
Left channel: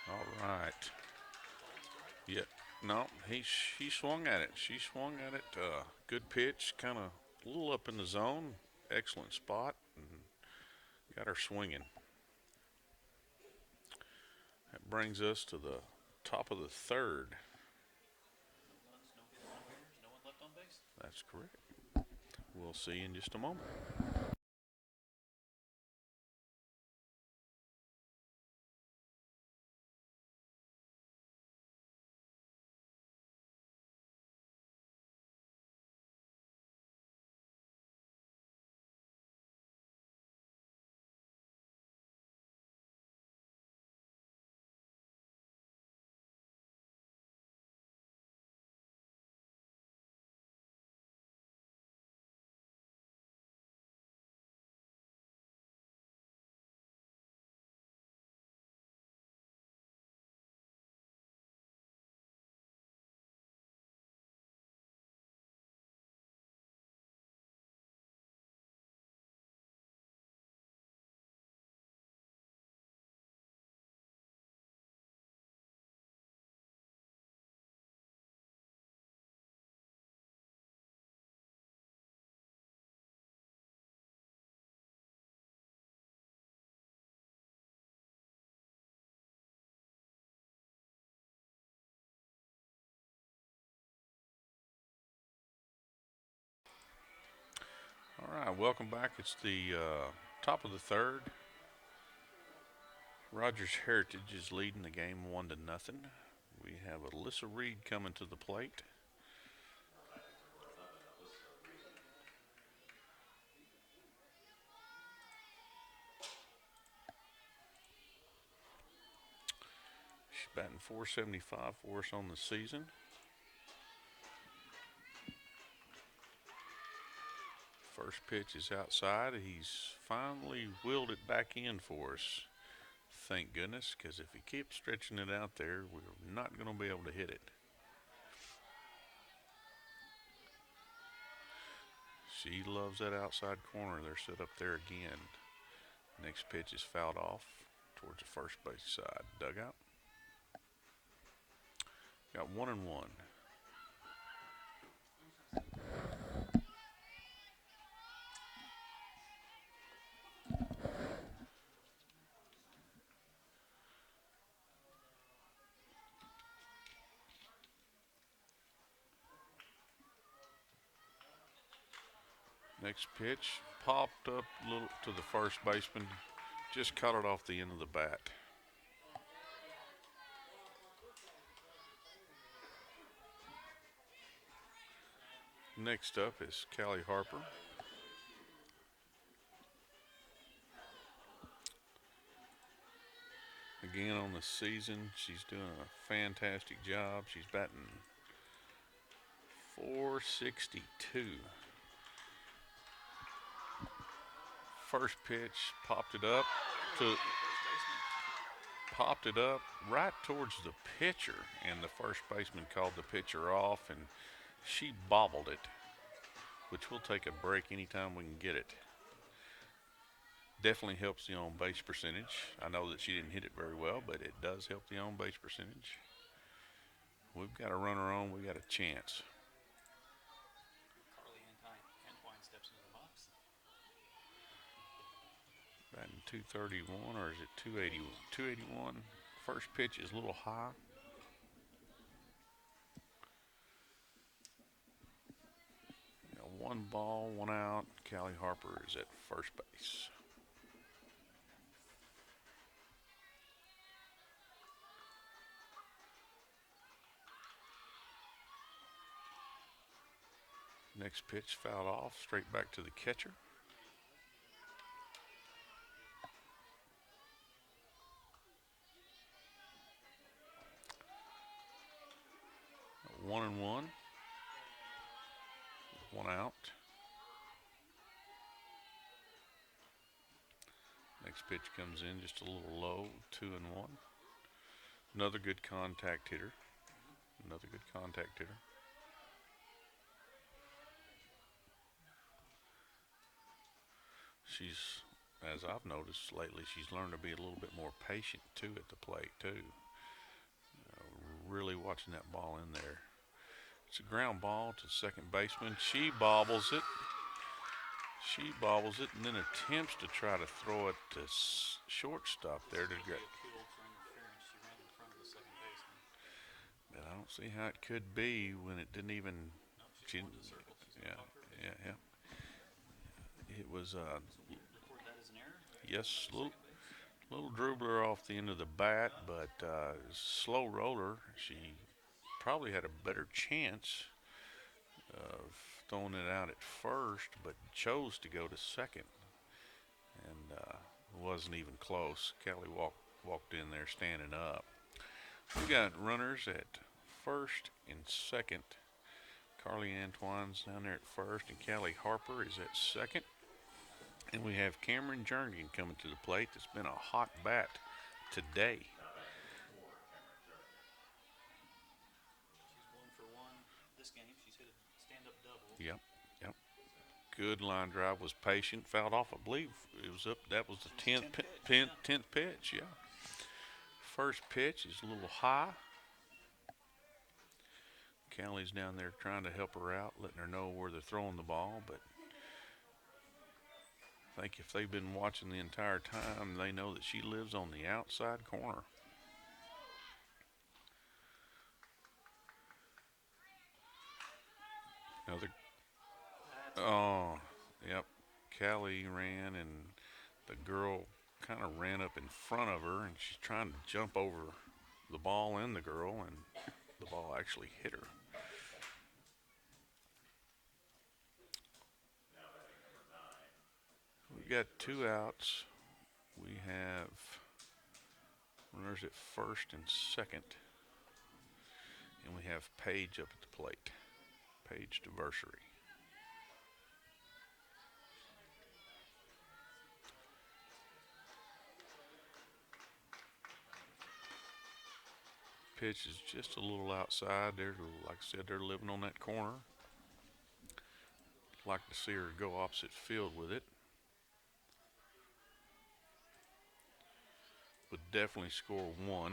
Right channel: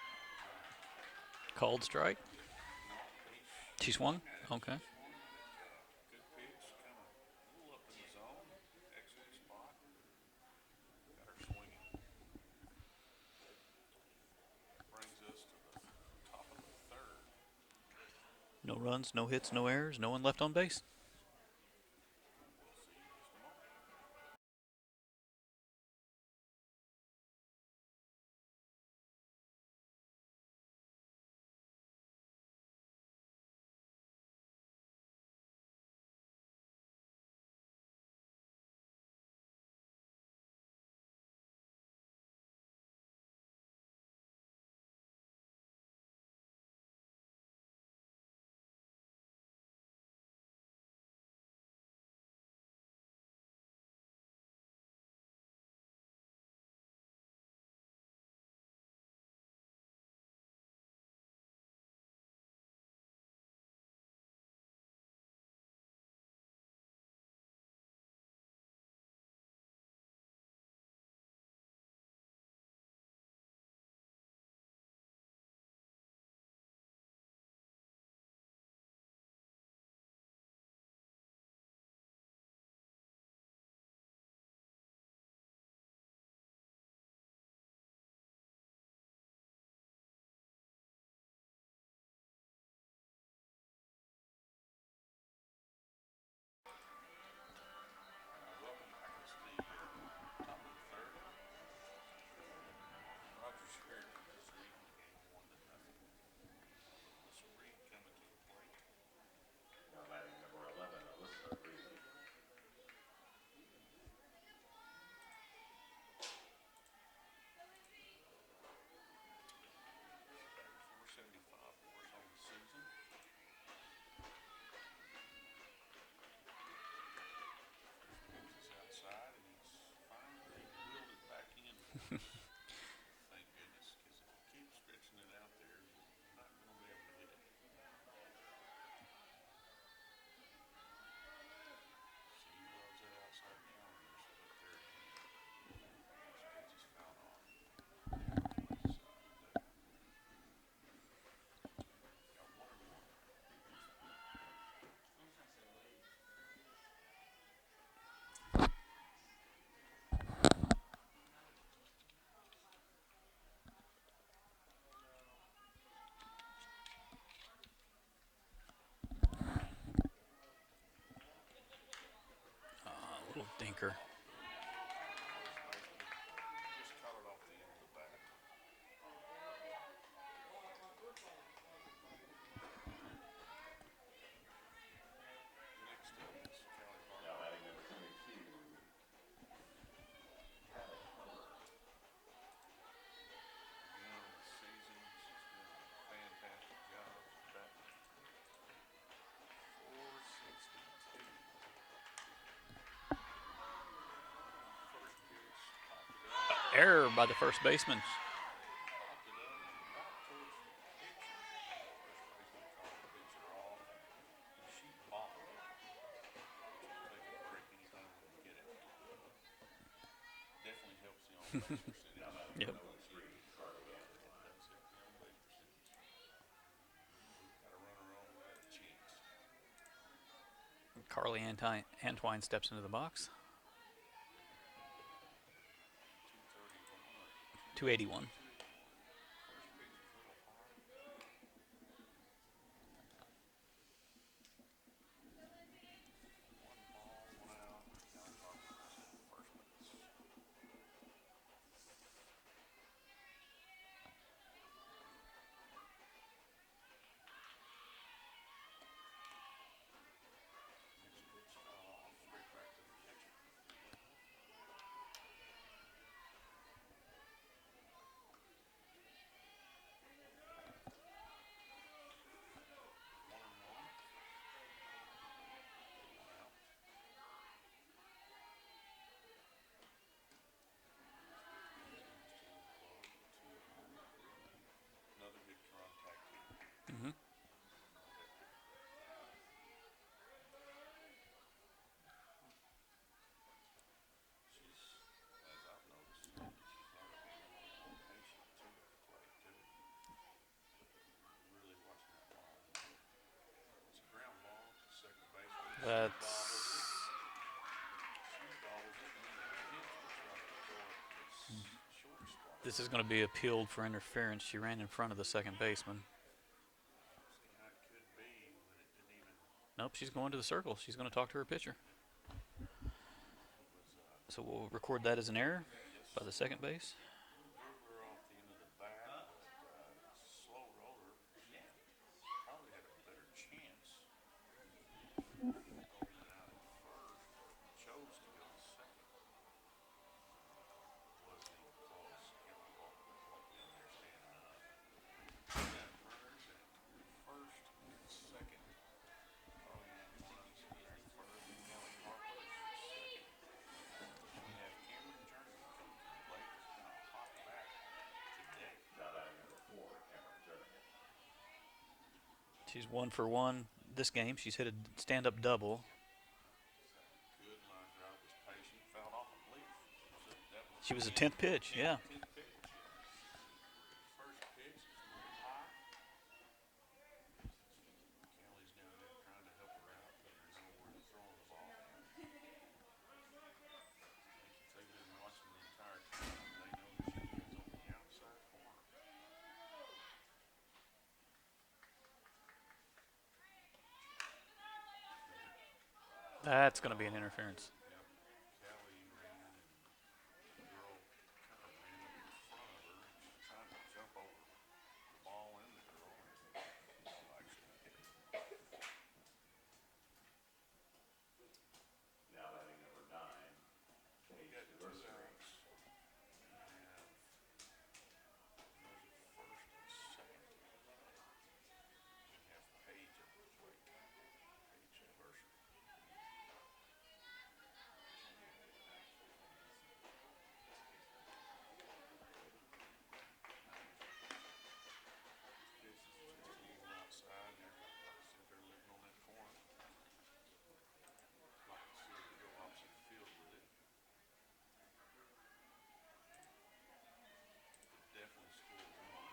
All right. Called strike. Yeah. No, he She swung swung? at it. Okay. She swung at it. Good pitch, kind of a little up in the zone. Excellent spot. And got her swinging. That brings us to the top of the third. No runs, no hits, no errors, no one left on base. That's correct. We'll see in just a moment. All right, welcome back. It's the top of the third. Rogers Heritage is leading the game 1-0. We have Alyssa Reed coming to the plate. She's batting .475 for us on the season. First pitch is outside. He's finally wheeled it back in for us. Thank goodness, because if he keeps stretching it out there, we're not going to be able to hit it. She loves that outside corner. They're set up there again. Next pitch is fouled off towards the first base side dugout. Got 1-1. Next pitch Dinker. popped up a little to the first baseman. Just caught it off the end of the bat. Next up is Callie Harper. Again on the season, she's doing a fantastic job. She's batting .462. First pitch, popped it up Error to by the first baseman. popped it up right towards the pitcher, and the first baseman called the pitcher off, and she bobbled it, which we'll take a break anytime we can get it. Definitely helps the on base percentage. Yep. I know that she didn't hit it very well, but it does help the on base percentage. We've got a runner on, we got a chance. Carly Antwine steps into the box. Batting 231, or is it 281. 281. First pitch is a little high. One ball, one out. Callie Harper is at first base. Next pitch fouled off, straight back to the catcher. One and one. One out. Next pitch comes in just a little low, 2-1. Another good contact hitter. Another good contact hitter. She's, as I've noticed lately, she's learned to be a little bit more patient too at the plate too. Really watching that ball in there. It's a ground ball to second baseman. She bobbles it. She bobbles it and then attempts to try to throw it to shortstop. This is going to be appealed for interference. She ran in front of the second baseman. But I don't see how it could be when it didn't even. Nope, she's going to the circle. She's going to talk to her pitcher. Yeah. It was. So we'll record that as an error. Yes. By the second base. Little dribbler off the end of the bat, but slow roller. She probably had a better chance of throwing it out at first, but chose to go to second, and wasn't even close. Kelly walked in there standing up. We got runners at first and second. Carly Antwine's down there at first, and Callie Harper is at second. And we have Cameron Jernigan coming to the plate. That's been a hot bat today. She's 1 for 1 this game. She's hit a stand-up double. Yep. Good line drive. Was patient. Fouled off. I believe it was up. That was She was the the 10th pitch. 10th pitch. Yeah. First pitch is a little high. Callie's down there trying to help her out, letting her know where they're throwing the ball, but I think if they've been watching the entire time, they know that she lives on the outside corner. That's going to be an interference. Yep. Callie ran, and the girl kind of ran up in front of her, and she's trying to jump over the ball and the girl, and the ball actually hit her. We got 2 outs. We have runners at first and second. And we have Paige up at the plate. Paige to Varsity. Pitch is just a little outside. They're, like I said, they're living on that corner. Like to see her go opposite field with it. Would definitely score 1.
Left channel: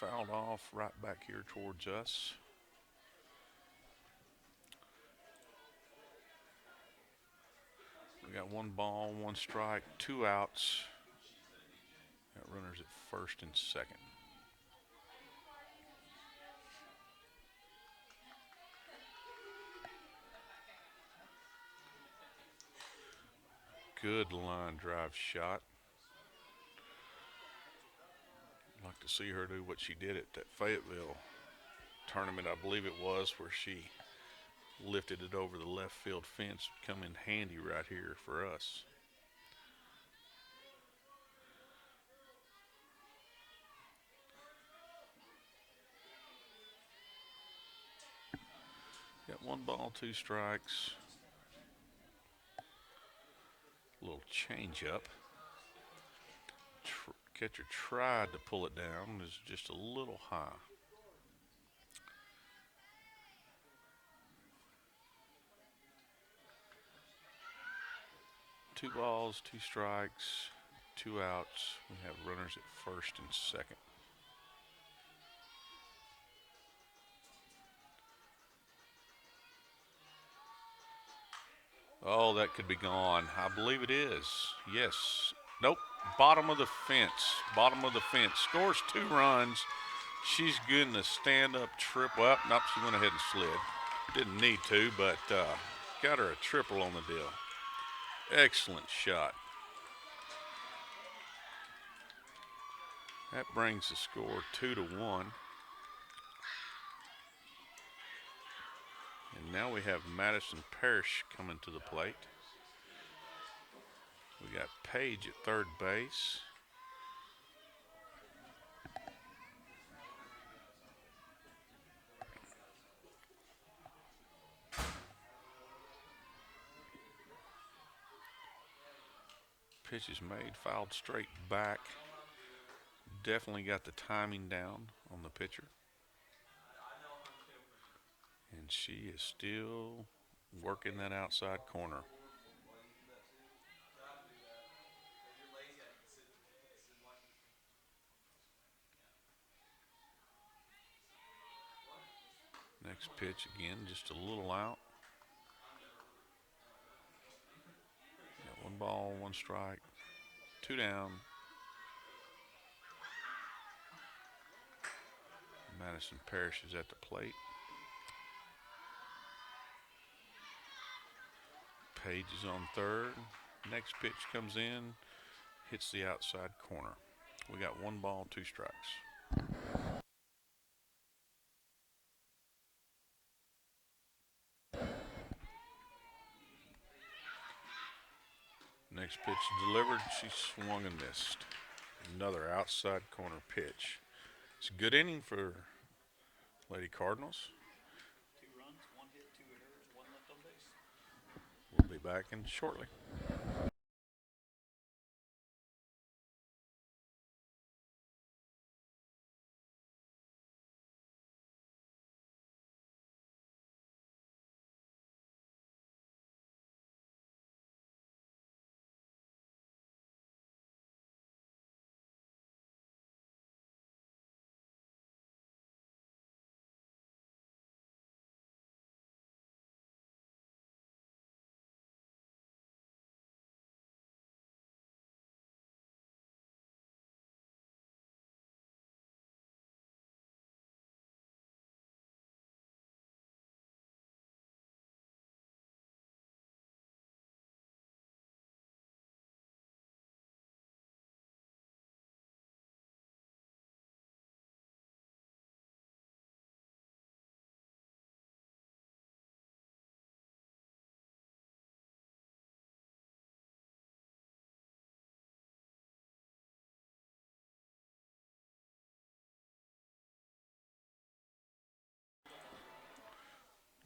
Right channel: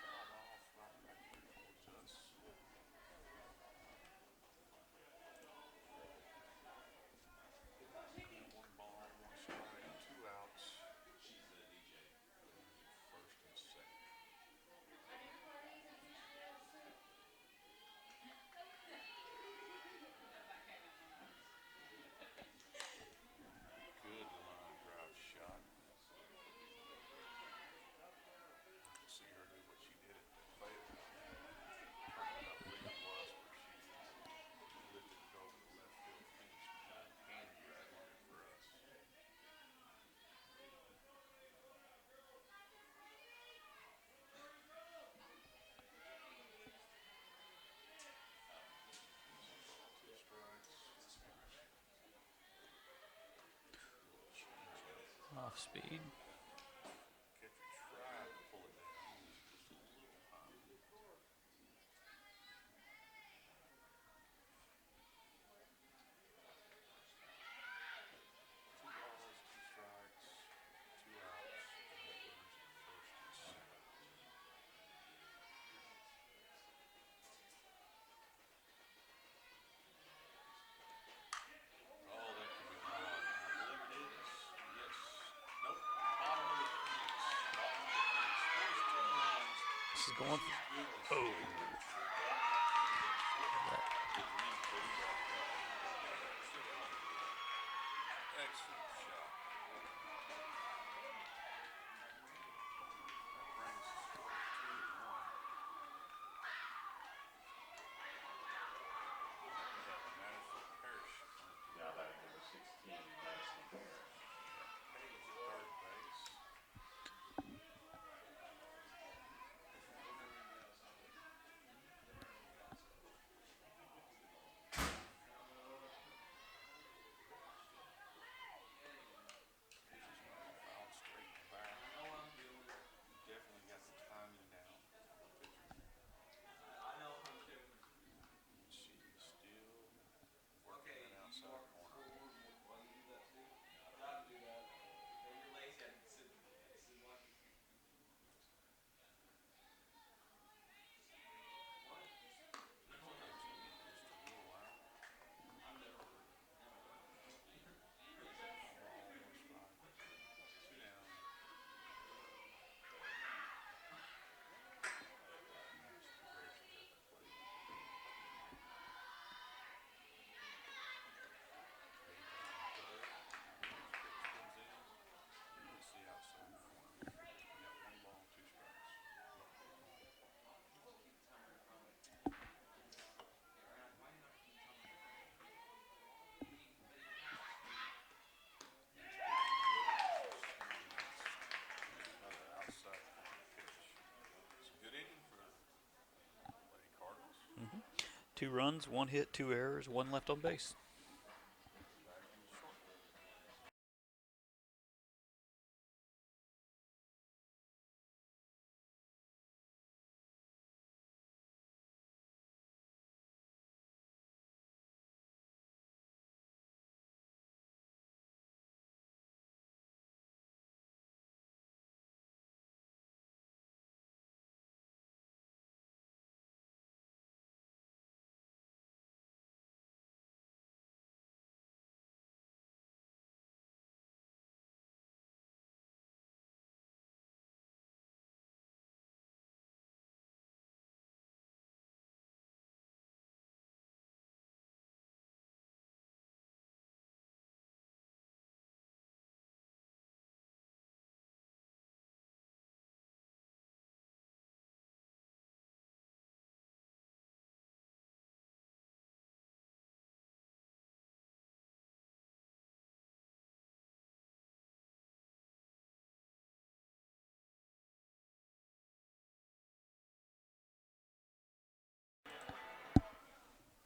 Fouled off right back here towards us. We got 1 ball, 1 strike, 2 outs. Got runners at first and second. Good line drive shot. I'd like to see her do what she did at that Fayetteville tournament, I believe it was, where she lifted it over the left field fence. Come in handy right here for us. One ball, two strikes. A little change up. Off speed. Catcher tried to pull it down. It's just a little high. Two balls, two strikes, two outs. We have runners at first and second. Oh, that could be gone. I believe it is. Yes. Nope. Bottom of the fence. Bottom of the fence. Scores 2 runs. She's good in the stand-up triple. Well, nope, she went ahead and slid. Didn't need to, but got her a triple on the deal. Excellent shot. That brings the score 2-1. And now we have Madison Parrish coming to the plate. We got Page at third base. Pitch is made, fouled straight back. Definitely got the timing down on the pitcher. And she is still working that outside corner. Next pitch again, just a little out. Got 1 ball, 1 strike, 2 down. Madison Parrish is at the plate. Page is on third. Next pitch comes in, hits the outside corner. We got 1 ball, 2 strikes. Next pitch delivered. She swung and missed. Another outside corner pitch. It's a good inning for Lady Cardinals. 2 runs, 1 hit, 2 errors, 1 left on base. We'll be back in shortly.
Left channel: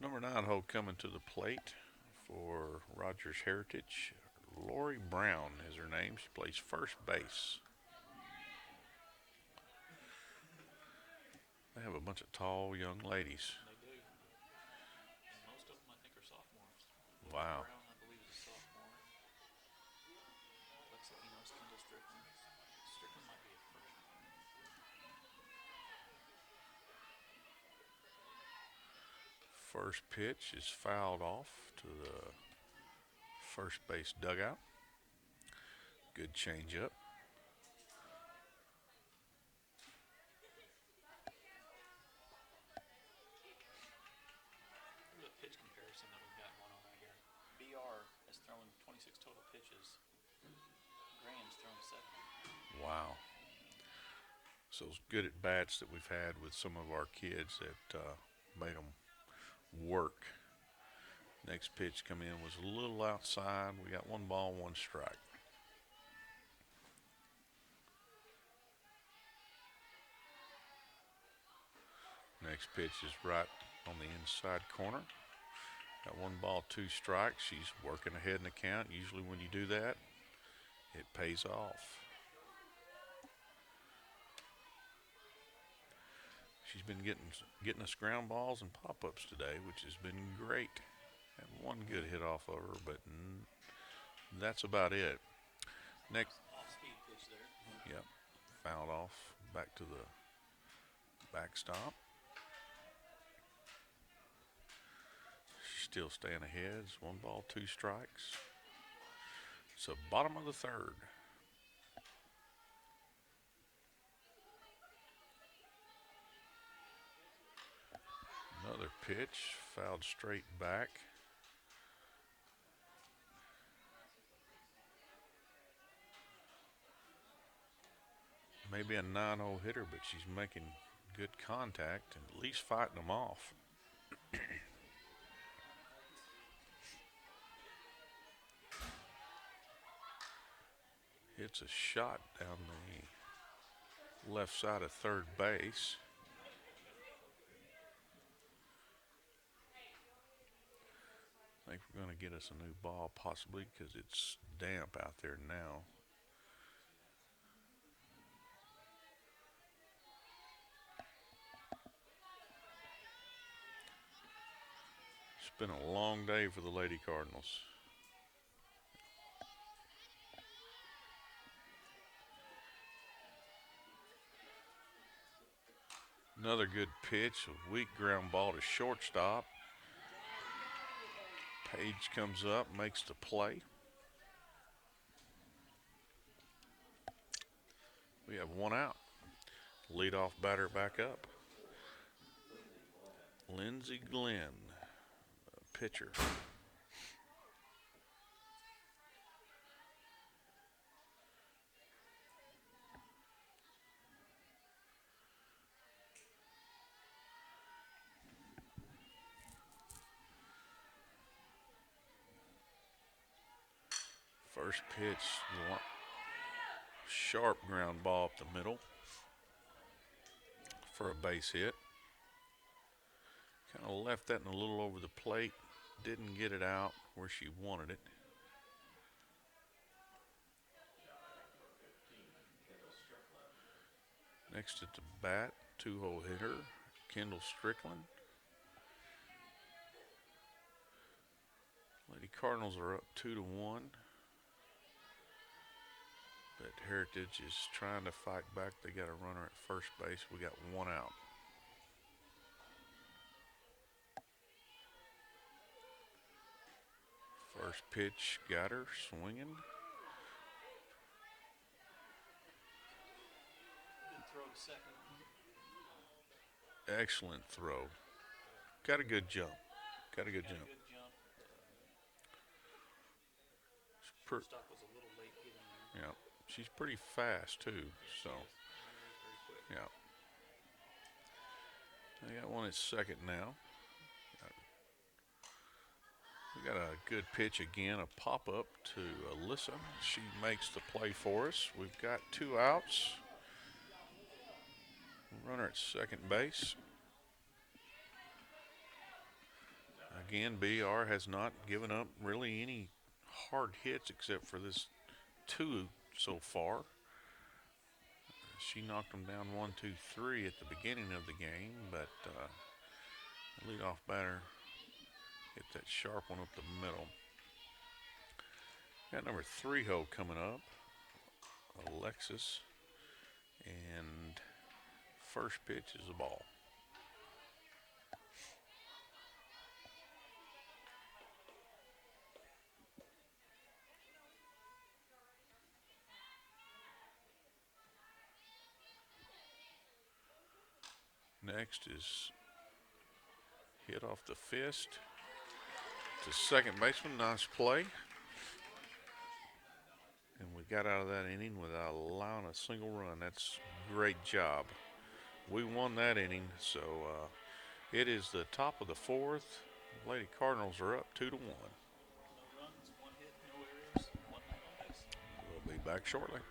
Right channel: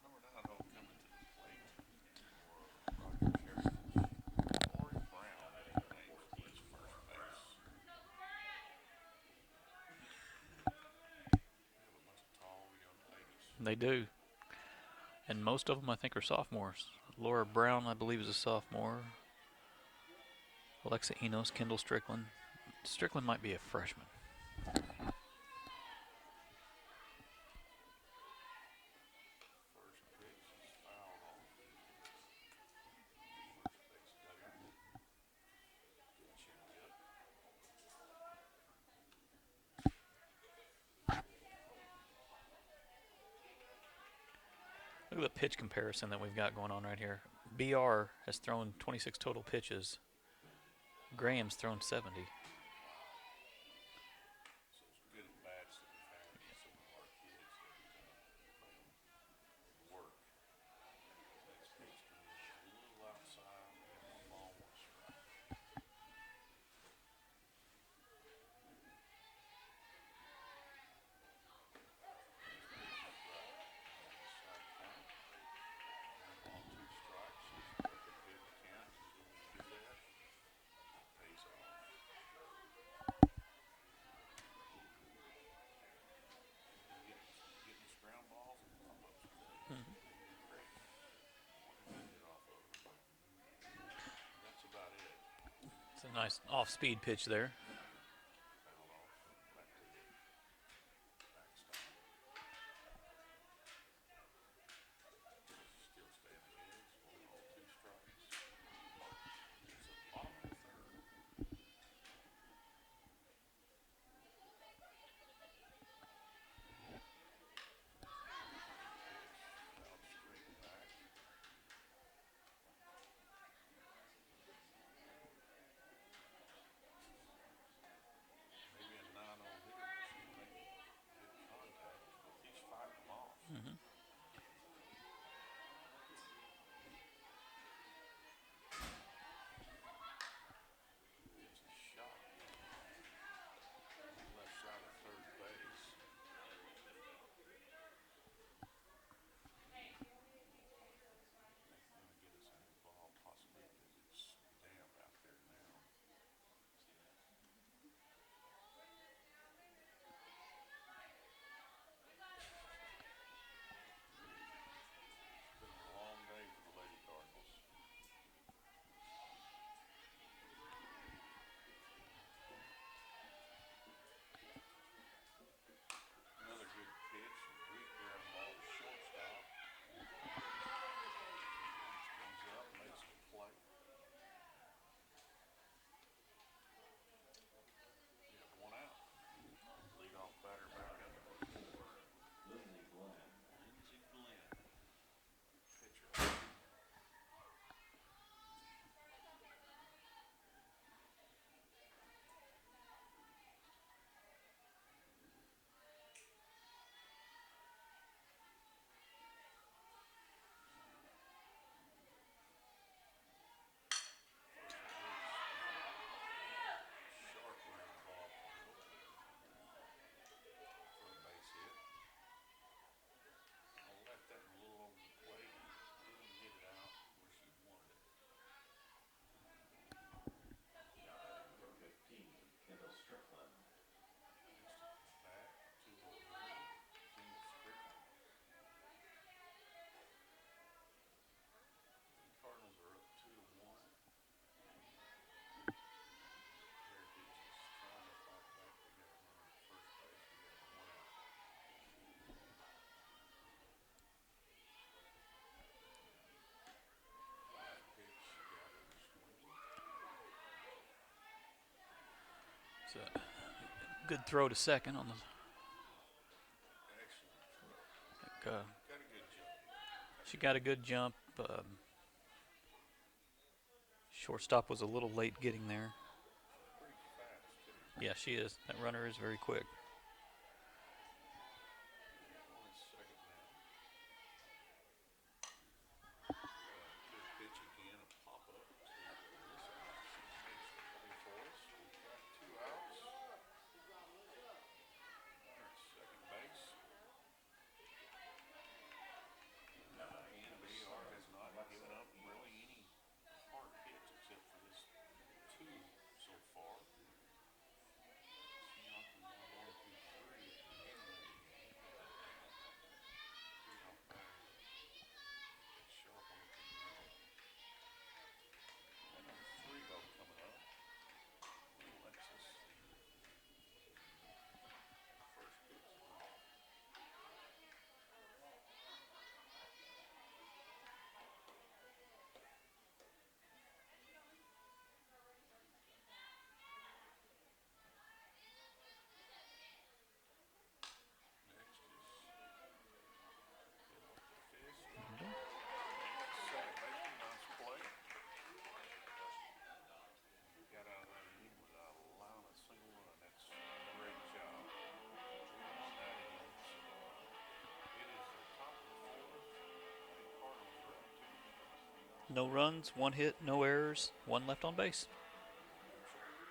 Number 9 hole coming to the plate for Rogers Heritage. Lori Brown is her name. She plays first base. They have a bunch of tall young ladies. They do. And most of them, I think, are sophomores. Laura Wow. Brown, I believe, is a sophomore. Alexa Enos, Kendall Strickland. Strickland might be a freshman. First pitch is fouled off to the first base dugout. Good changeup. Look at the pitch comparison that we've got going on right here. BR has thrown 26 total pitches. Graham's thrown 70. Wow. So it's good at bats that we've had with some of our kids that made them work. Next pitch come in was a little outside. We got 1 ball, 1 strike. Next pitch is right on the inside corner. Got 1 ball, 2 strikes. She's working ahead in the count. Usually when you do that, it pays off. She's been getting us ground balls and pop-ups today, which has been great. Had 1 good hit off of her, but that's about it. It's a nice off-speed pitch there. Yep, fouled off back to the backstop. She's still staying ahead. It's 1 ball, 2 strikes. It's the bottom of the third. Another pitch, fouled straight back. Maybe a 9-0 hitter, but she's making good contact and at least fighting them off. Hits a shot down the left side of third base. I think we're going to get us a new ball possibly because it's damp out there now. It's been a long day for the Lady Cardinals. Another good pitch, a weak ground ball to shortstop. Page comes up, makes the play. We have 1 out. Leadoff batter back up. Lindsey Glenn, pitcher. First pitch, sharp ground ball up the middle for a base hit. Kind of left that in a little over the plate. Didn't get it out where she wanted it. Next at the bat, 2-hole hitter, Kendall Strickland. Lady Cardinals are up 2-1. But Heritage is trying to fight back. They got a runner at first base. We got 1 out. First pitch got her swinging. It's a good throw to second on the. Excellent throw. Like, got a good jump. Got a good jump. Shortstop was a little late getting there. Yeah, she's pretty fast too. Yeah, she is. That runner is very quick. Yeah. They got 1 at second now. We got a good pitch again, a pop-up to Alyssa. She makes the play for us. We've got 2 outs. Runner at second base. Again, BR has not given up really any hard hits except for this 2 so far. She knocked them down 1, 2, 3 at the beginning of the game, but the leadoff batter hit that sharp one up the middle. Got number 3-hole coming up, Alexis, and first pitch is a ball. Next is hit off the fist to second baseman. Nice play. And we got out of that inning without allowing a single run. That's a great job. We won that inning, so it is the top of the 4th. Lady Cardinals are up 2-1. No runs, 1 hit, no errors, 1 left on base. We'll be back shortly.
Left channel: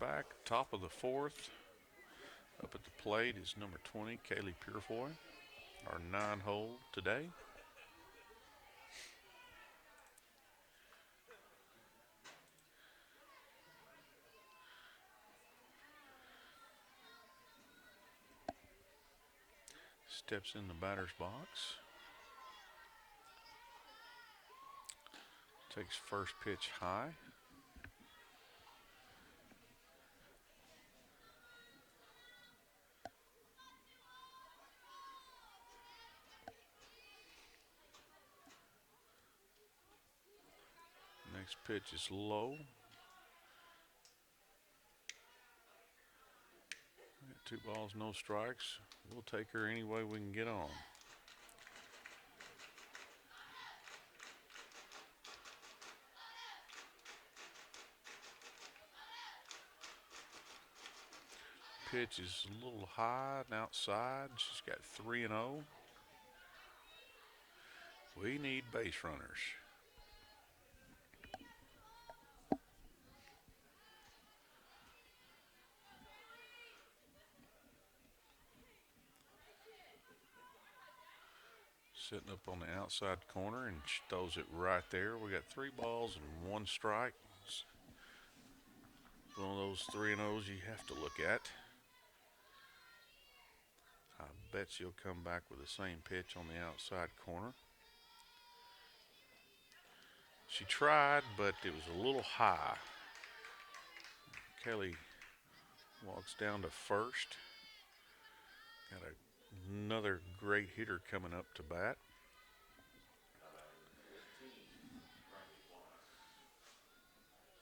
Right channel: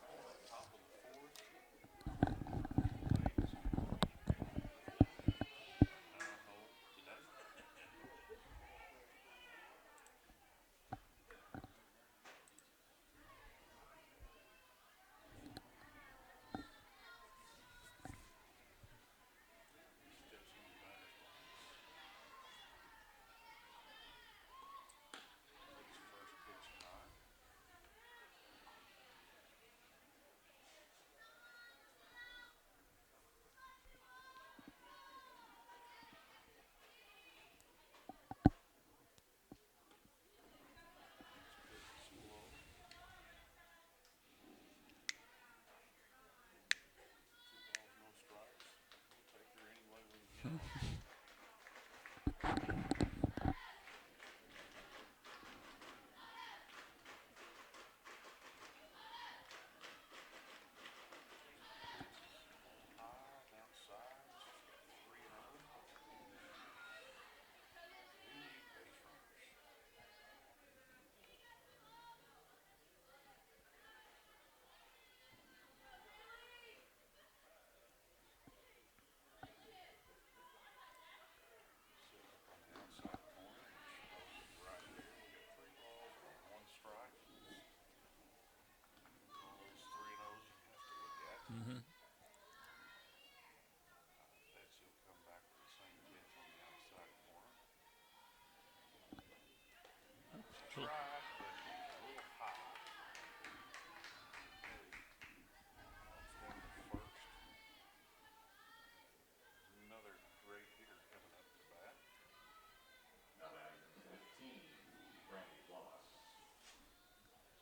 back, top of the fourth. Up at the plate is number 20, Kaylee Purefoy, our 9-hole today. Steps in the batter's box. Takes first pitch high. Next pitch is low. 2 balls, no strikes. We'll take her any way we can get on. Pitch is a little high and outside. She's got 3-0. We need base runners. Sitting up on the outside corner, and she throws it right there. We got 3 balls and 1 strike. It's one of those 3-0s you have to look at. I bet she'll come back with the same pitch on the outside corner. She tried, but it was a little high. Kelly walks down to first. Got another great hitter coming up to bat.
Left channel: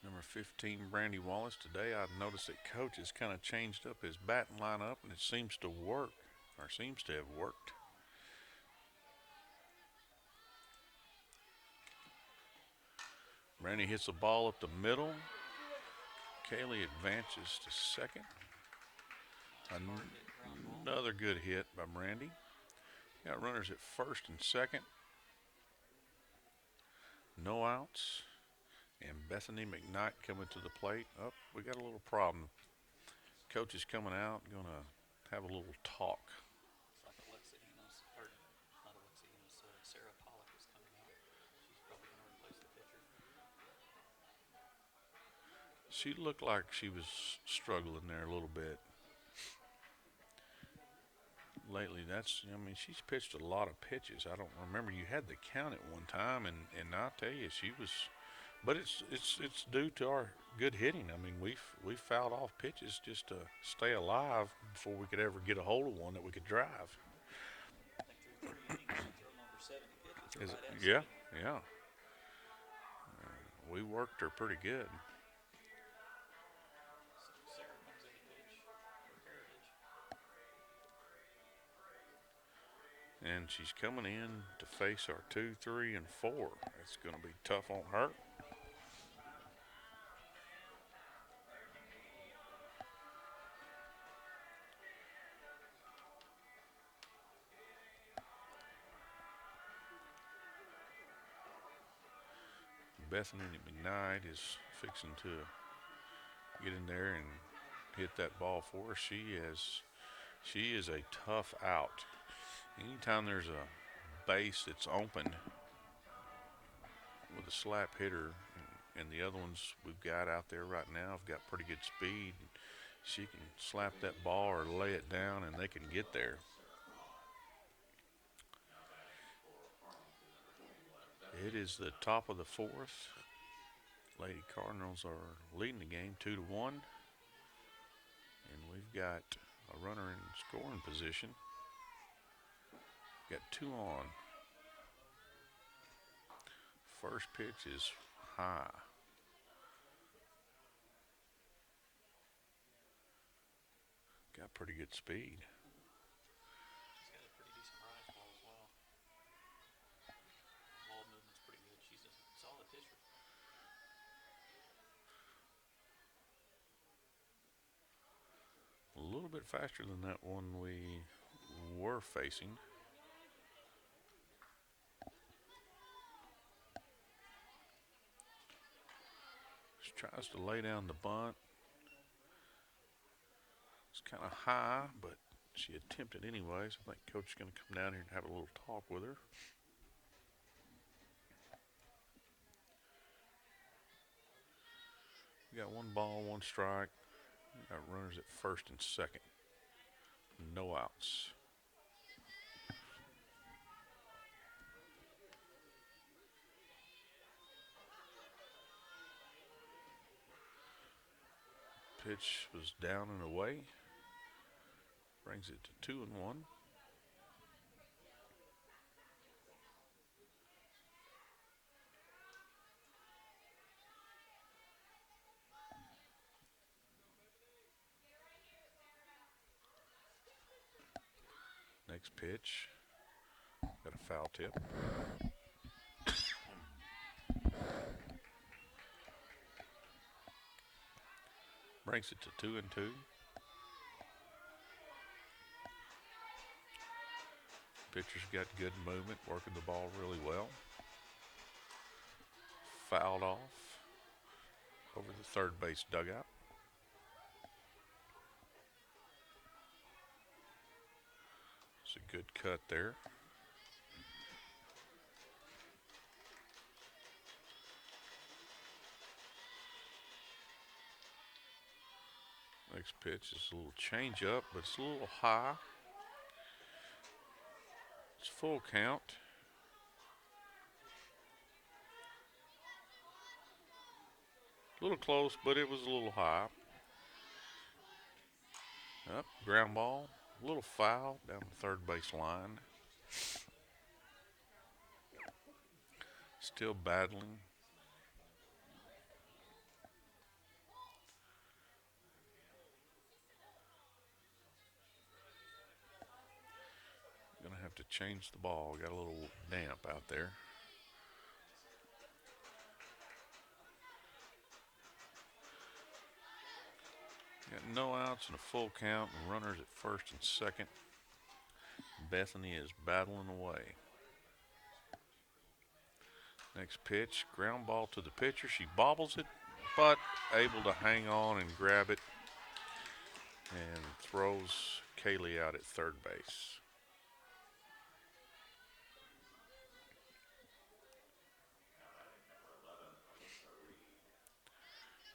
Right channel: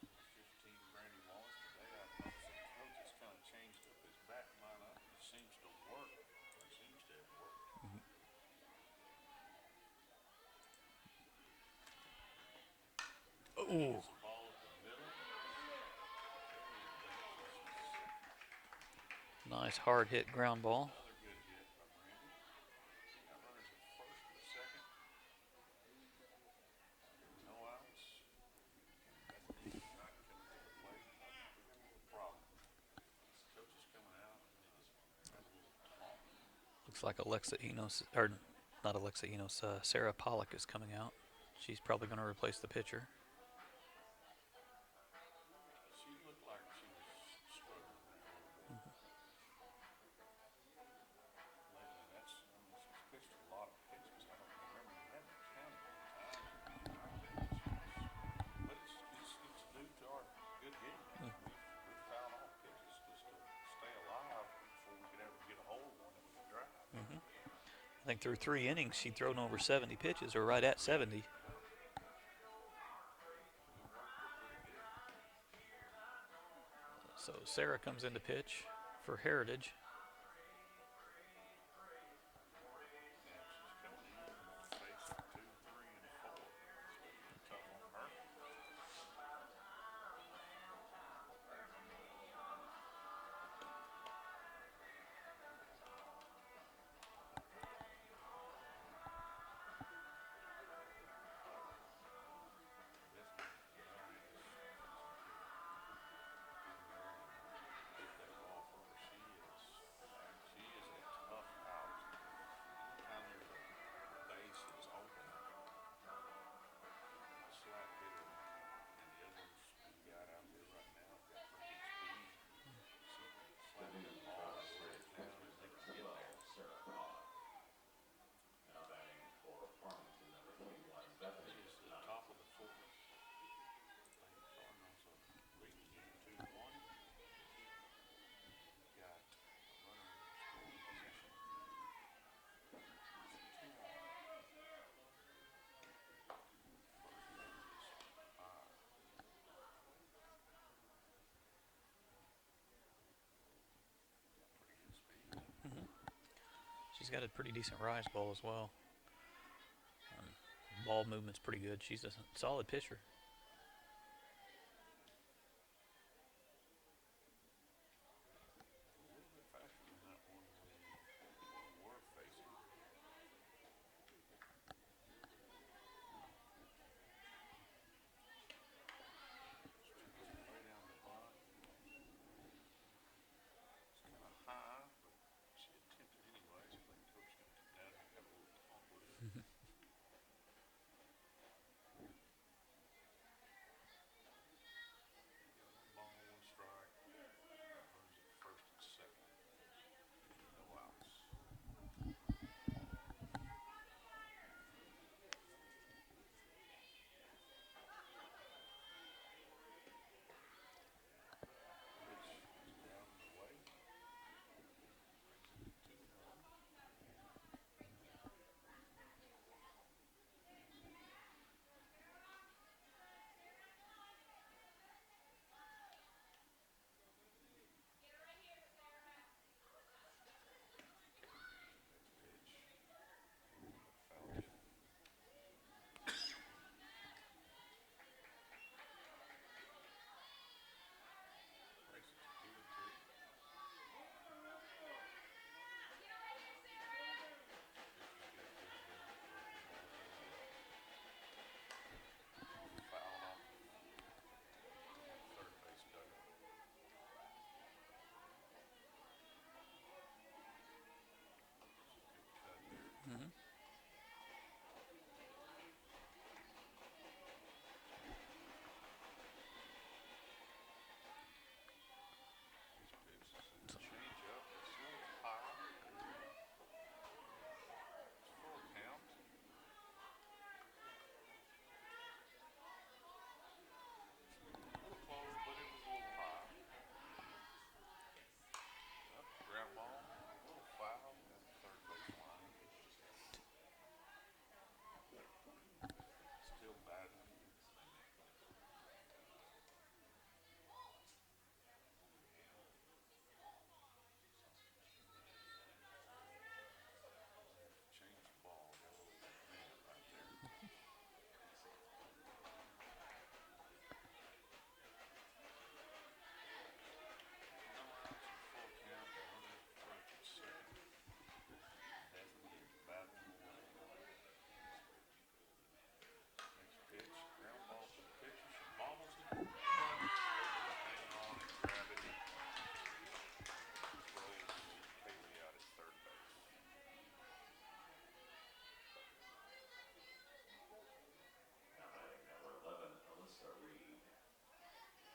Number 15, Brandy Wallace. Today I noticed that Coach has kind of changed up his batting lineup, and it seems to work, or seems to have worked. Brandy hits the ball up the middle. Kaylee advances to second. Nice hard hit ground ball. Another good hit by Brandy. Got runners at first and second. No outs. And Bethany McKnight coming to the plate. Oh, we got a little problem. Coach is coming out, gonna have a little talk. Looks like Alexa Enos, or not Alexa Enos, Sarah Pollock is coming out. She's probably going to replace the pitcher. She looked like she was struggling there a little bit. Lately, she's pitched a lot of pitches. I don't remember, you had to count at one time, and I'll tell you, she was, but it's due to our good hitting. I mean, we fouled off pitches just to stay alive before we could ever get a hold of one that we could drive. I think through 3 innings, she'd thrown over 70 pitches, or right at 70. Yeah. We worked her pretty good. So Sarah comes in to pitch for Heritage. And she's coming in to face our 2, 3, and 4. It's going to be tough on her. Bethany McKnight is fixing to get in there and hit that ball for her. She is a tough out. Anytime there's a base that's open with a slap hitter, and the other ones we've got out there right now have got pretty good speed, she can slap that ball or lay it down and they can get there. It is the top of the fourth. Lady Cardinals are leading the game 2-1. And we've got a runner in scoring position. Got 2 on. First pitch is high. Got pretty good speed. She's got a pretty decent rise ball as well. Ball movement's pretty good. She's a solid pitcher. A little bit faster than that one we were facing. She tries to lay down the bunt. kind of high, but she attempted anyways. I think Coach is going to come down here and have a little talk with her. We got one ball, one strike. We got runners at first and second. No outs. Pitch was down and away. Brings it to 2-1. Next pitch. Got a foul tip. Brings it to 2-2. Pitcher's got good movement, working the ball really well. Fouled off over the third base dugout. It's a good cut there. Next pitch is a little change up, but it's a little high. It's full count. A little close, but it was a little high. Up, ground ball, a little foul down the third base line. Still battling. Gonna have to change the ball. Got a little damp out there. Got no outs and a full count, and runners at first and second. Bethany is battling away. Next pitch, ground ball to the pitcher. She bobbles it, but able to hang on and grab it and throws Kaylee out at third base.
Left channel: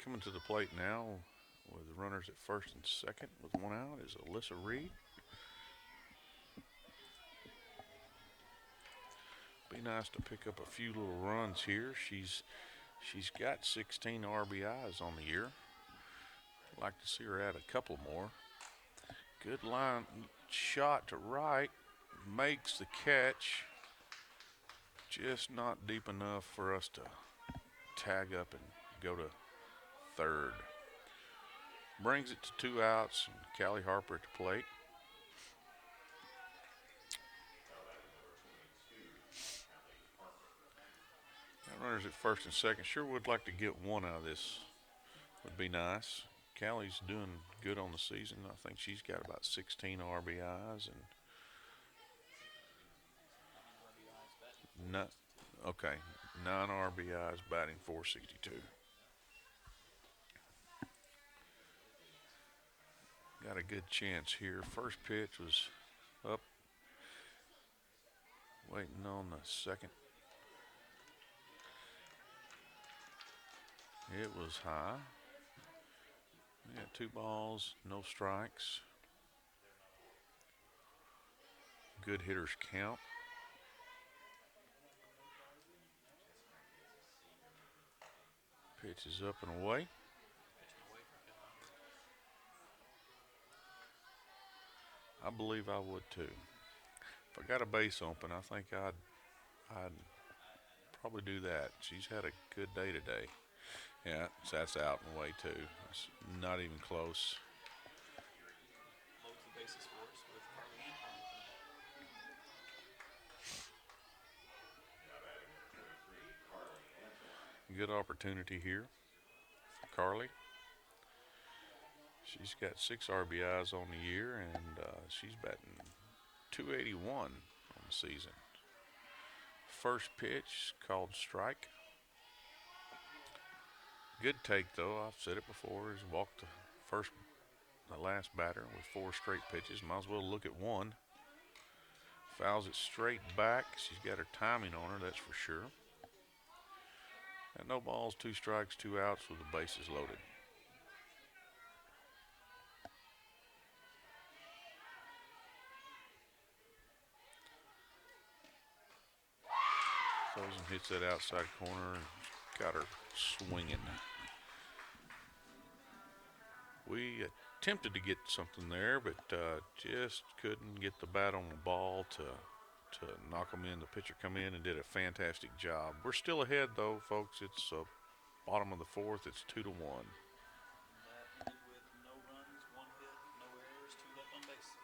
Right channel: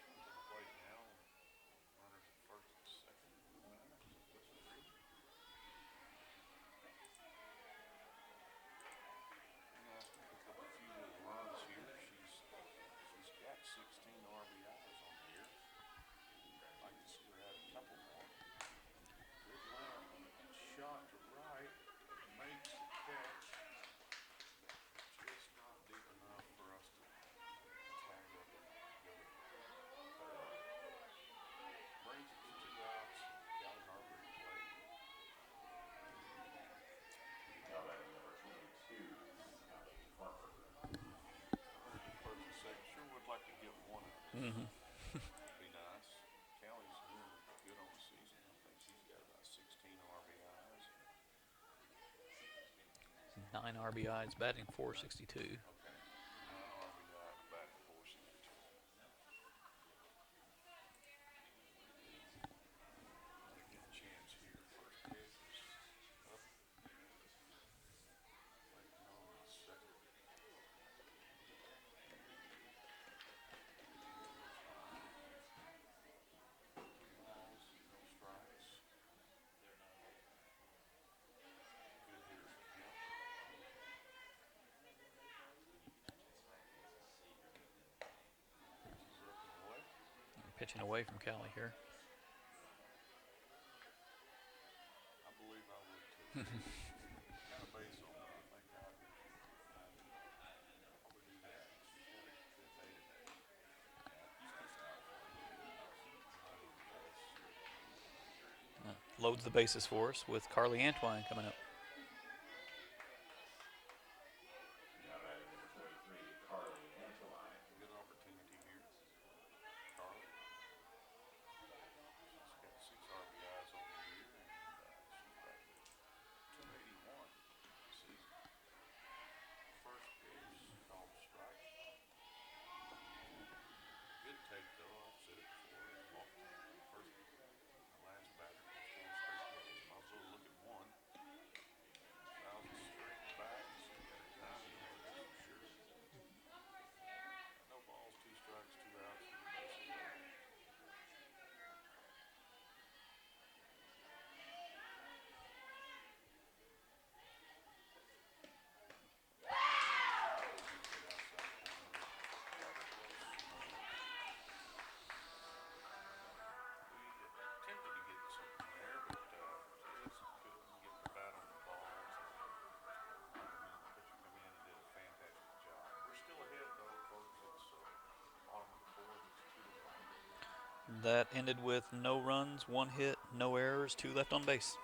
Coming to the plate now with the runners at first and second with one out is Alyssa Reed. Be nice to pick up a few little runs here. She's got 16 RBIs on the year. Like to see her add a couple more. Good line shot to right, makes the catch. Just not deep enough for us to tag up and go to third. Brings it to 2 outs and Callie Harper at the plate. Runners at first and second. Sure would like to get one out of this. Would be nice. Callie's doing good on the season. I think she's got about 16 RBIs and 9 RBIs, batting 462. Okay, 9 RBIs, batting 462. Got a good chance here. First pitch was up, waiting on the second. It was high. We got 2 balls, no strikes. Good hitters count. Pitch is up and away. Pitching away from Callie here. I believe I would too. If I got a base open, I think I'd probably do that. She's had a good day today. Yeah, so that's out and away too. It's not even close. Loads the bases for us with Carly Antwine coming up. Good opportunity here for Carly. She's got 6 RBIs on the year, and she's batting .281 on the season. First pitch called strike. Good take though. I've said it before. Is walked the first the last batter with 4 straight pitches. Might as well look at one. Fouls it straight back. She's got her timing on her, that's for sure. And no balls, 2 strikes, 2 outs with the bases loaded. Throws and hits that outside corner and got her swinging. We attempted to get something there, but just couldn't get the bat on the ball to knock them in. The pitcher come in and did a fantastic job. We're still ahead though, folks. It's bottom of the fourth. It's 2-1. That ended with no runs, 1 hit, no errors, 2 left on base.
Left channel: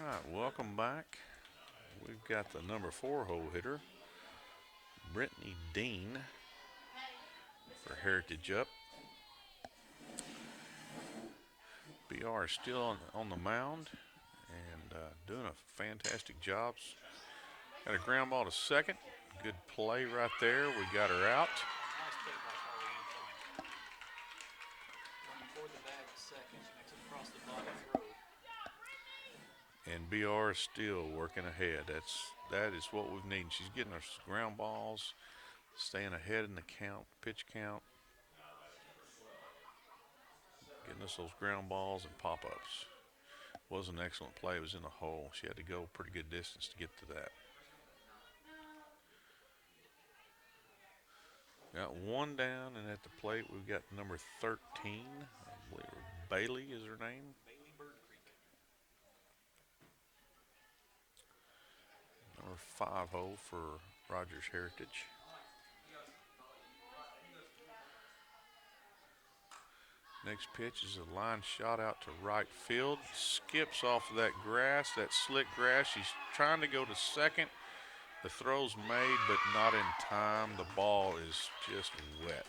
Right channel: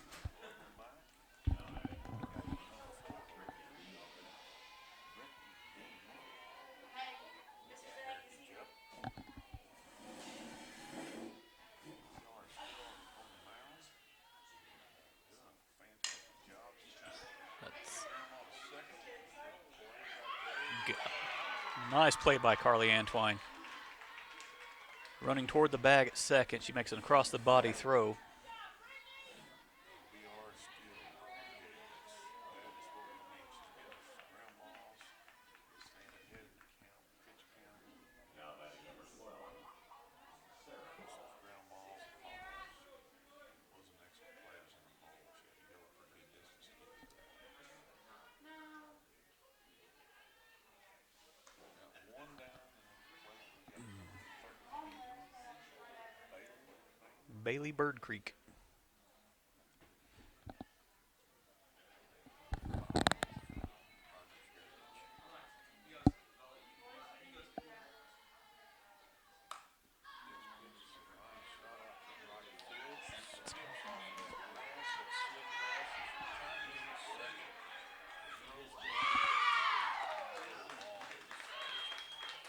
All right, welcome back. We've got the number 4 hole hitter, Brittany Dean, for Heritage up. BR is still on the mound and doing a fantastic job. Got a ground ball to second. Good play right there. We got her out. Nice play by Carly Antwine. Running toward the bag at second, she makes an across the body throw. And BR is still working ahead. That is what we've needed. She's getting her ground balls, staying ahead in the count, pitch count. Getting us those ground balls and pop-ups. Was an excellent play. It was in the hole. She had to go a pretty good distance to get to that. Got one down, and at the plate we've got number 13. Bailey is her name. Bailey Bird Creek. Number 5-0 for Rogers Heritage. Next pitch is a line shot out to right field. Skips off of that grass, that slick grass. She's trying to go to second. The throw's made, but not in time. The ball is just wet.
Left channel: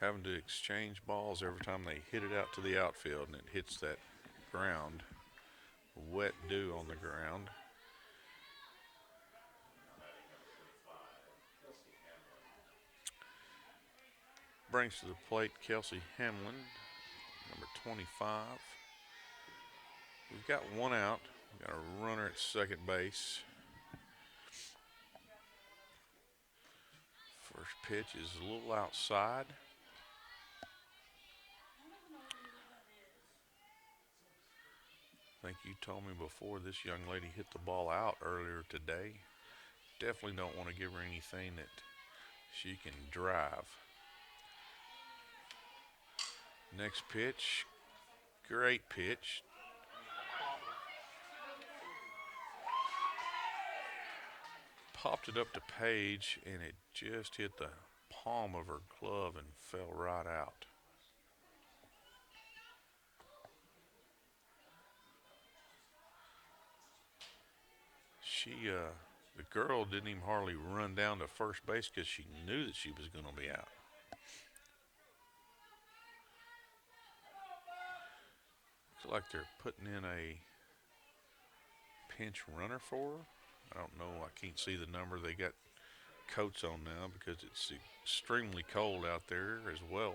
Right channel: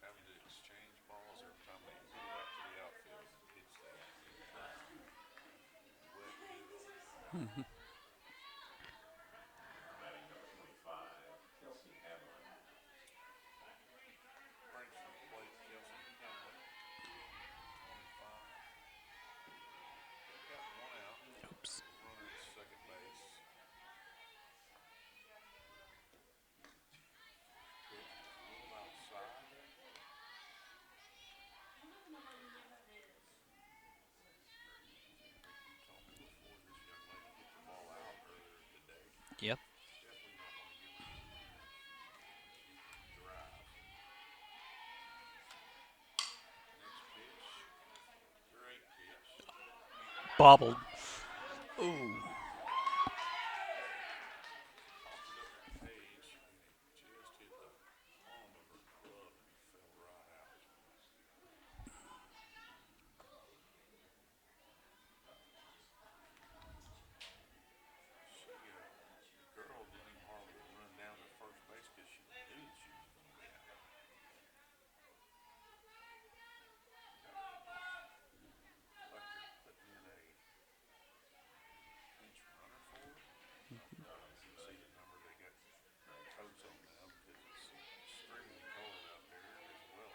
Having to exchange balls every time they hit it out to the outfield, and it hits that ground. Wet dew on the ground. Brings to the plate Kelsey Hamlin, number 25. We've got one out. We've got a runner at second base. First pitch is a little outside. I think you told me before this young lady hit the ball out earlier today. Yep. Definitely don't want to give her anything that she can drive. Next pitch, great pitch. Bobbled. Ooh. Popped it up to Paige, and it just hit the palm of her glove and fell right out. The girl didn't even hardly run down to first base because she knew that she was going to be out. like they're putting in a pinch runner for her. I don't know. I can't see the number. They got coats on now because it's extremely cold out there as well.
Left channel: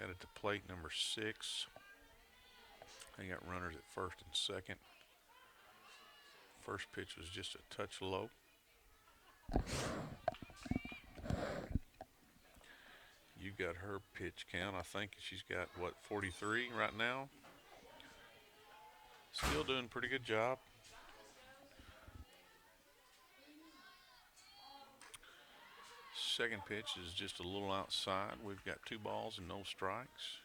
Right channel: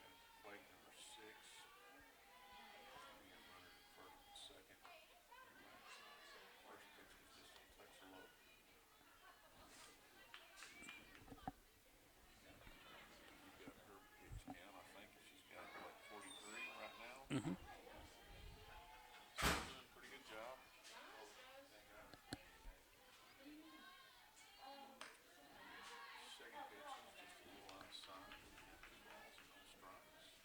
Got it to plate number 6. They got runners at first and second. First pitch was just a touch low. You got her pitch count. I think she's got, what, 43 right now? Mm-hmm. Still doing a pretty good job. Second pitch is just a little outside. We've got 2 balls and no strikes.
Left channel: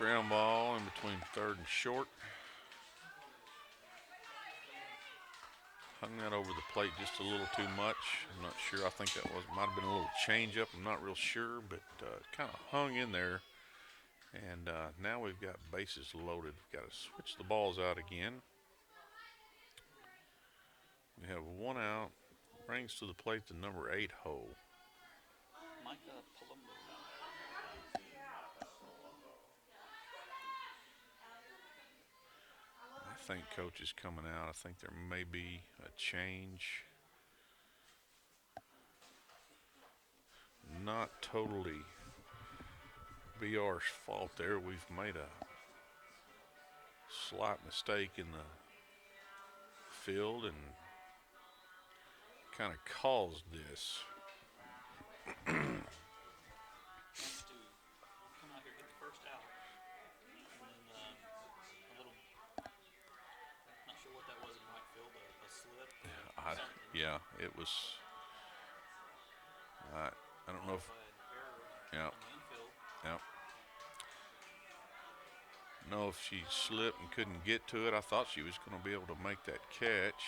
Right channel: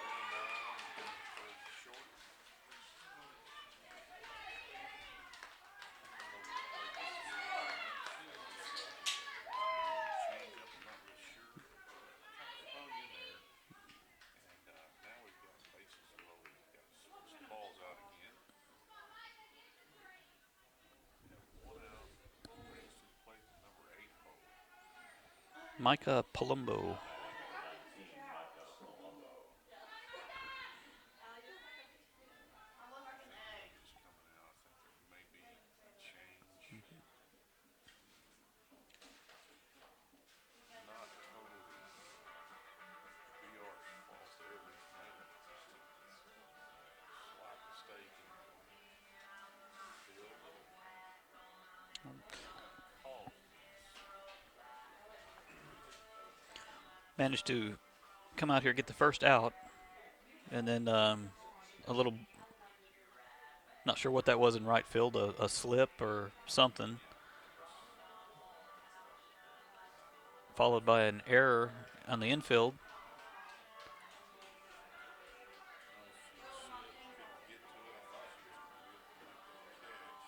Ground ball in between third and short. Hung that over the plate just a little too much. I'm not sure. I think that might have been a little change up. I'm not real sure, but kind of hung in there. And now we've got bases loaded. We've got to switch the balls out again. We have 1 out. Brings to the plate the number 8 hole. Micah Palumbo. I think coach is coming out. I think there may be a change. Not totally BR's fault there. We've made a slight mistake in the field and kind of caused this. Managed to come out here, get the first out, and then a little, not sure what that was in right field, a slip or something. Yeah, it was. I don't followed by an error Yeah. on the infield. Yeah. Know if she slipped and couldn't get to it. I thought she was going to be able to make that catch.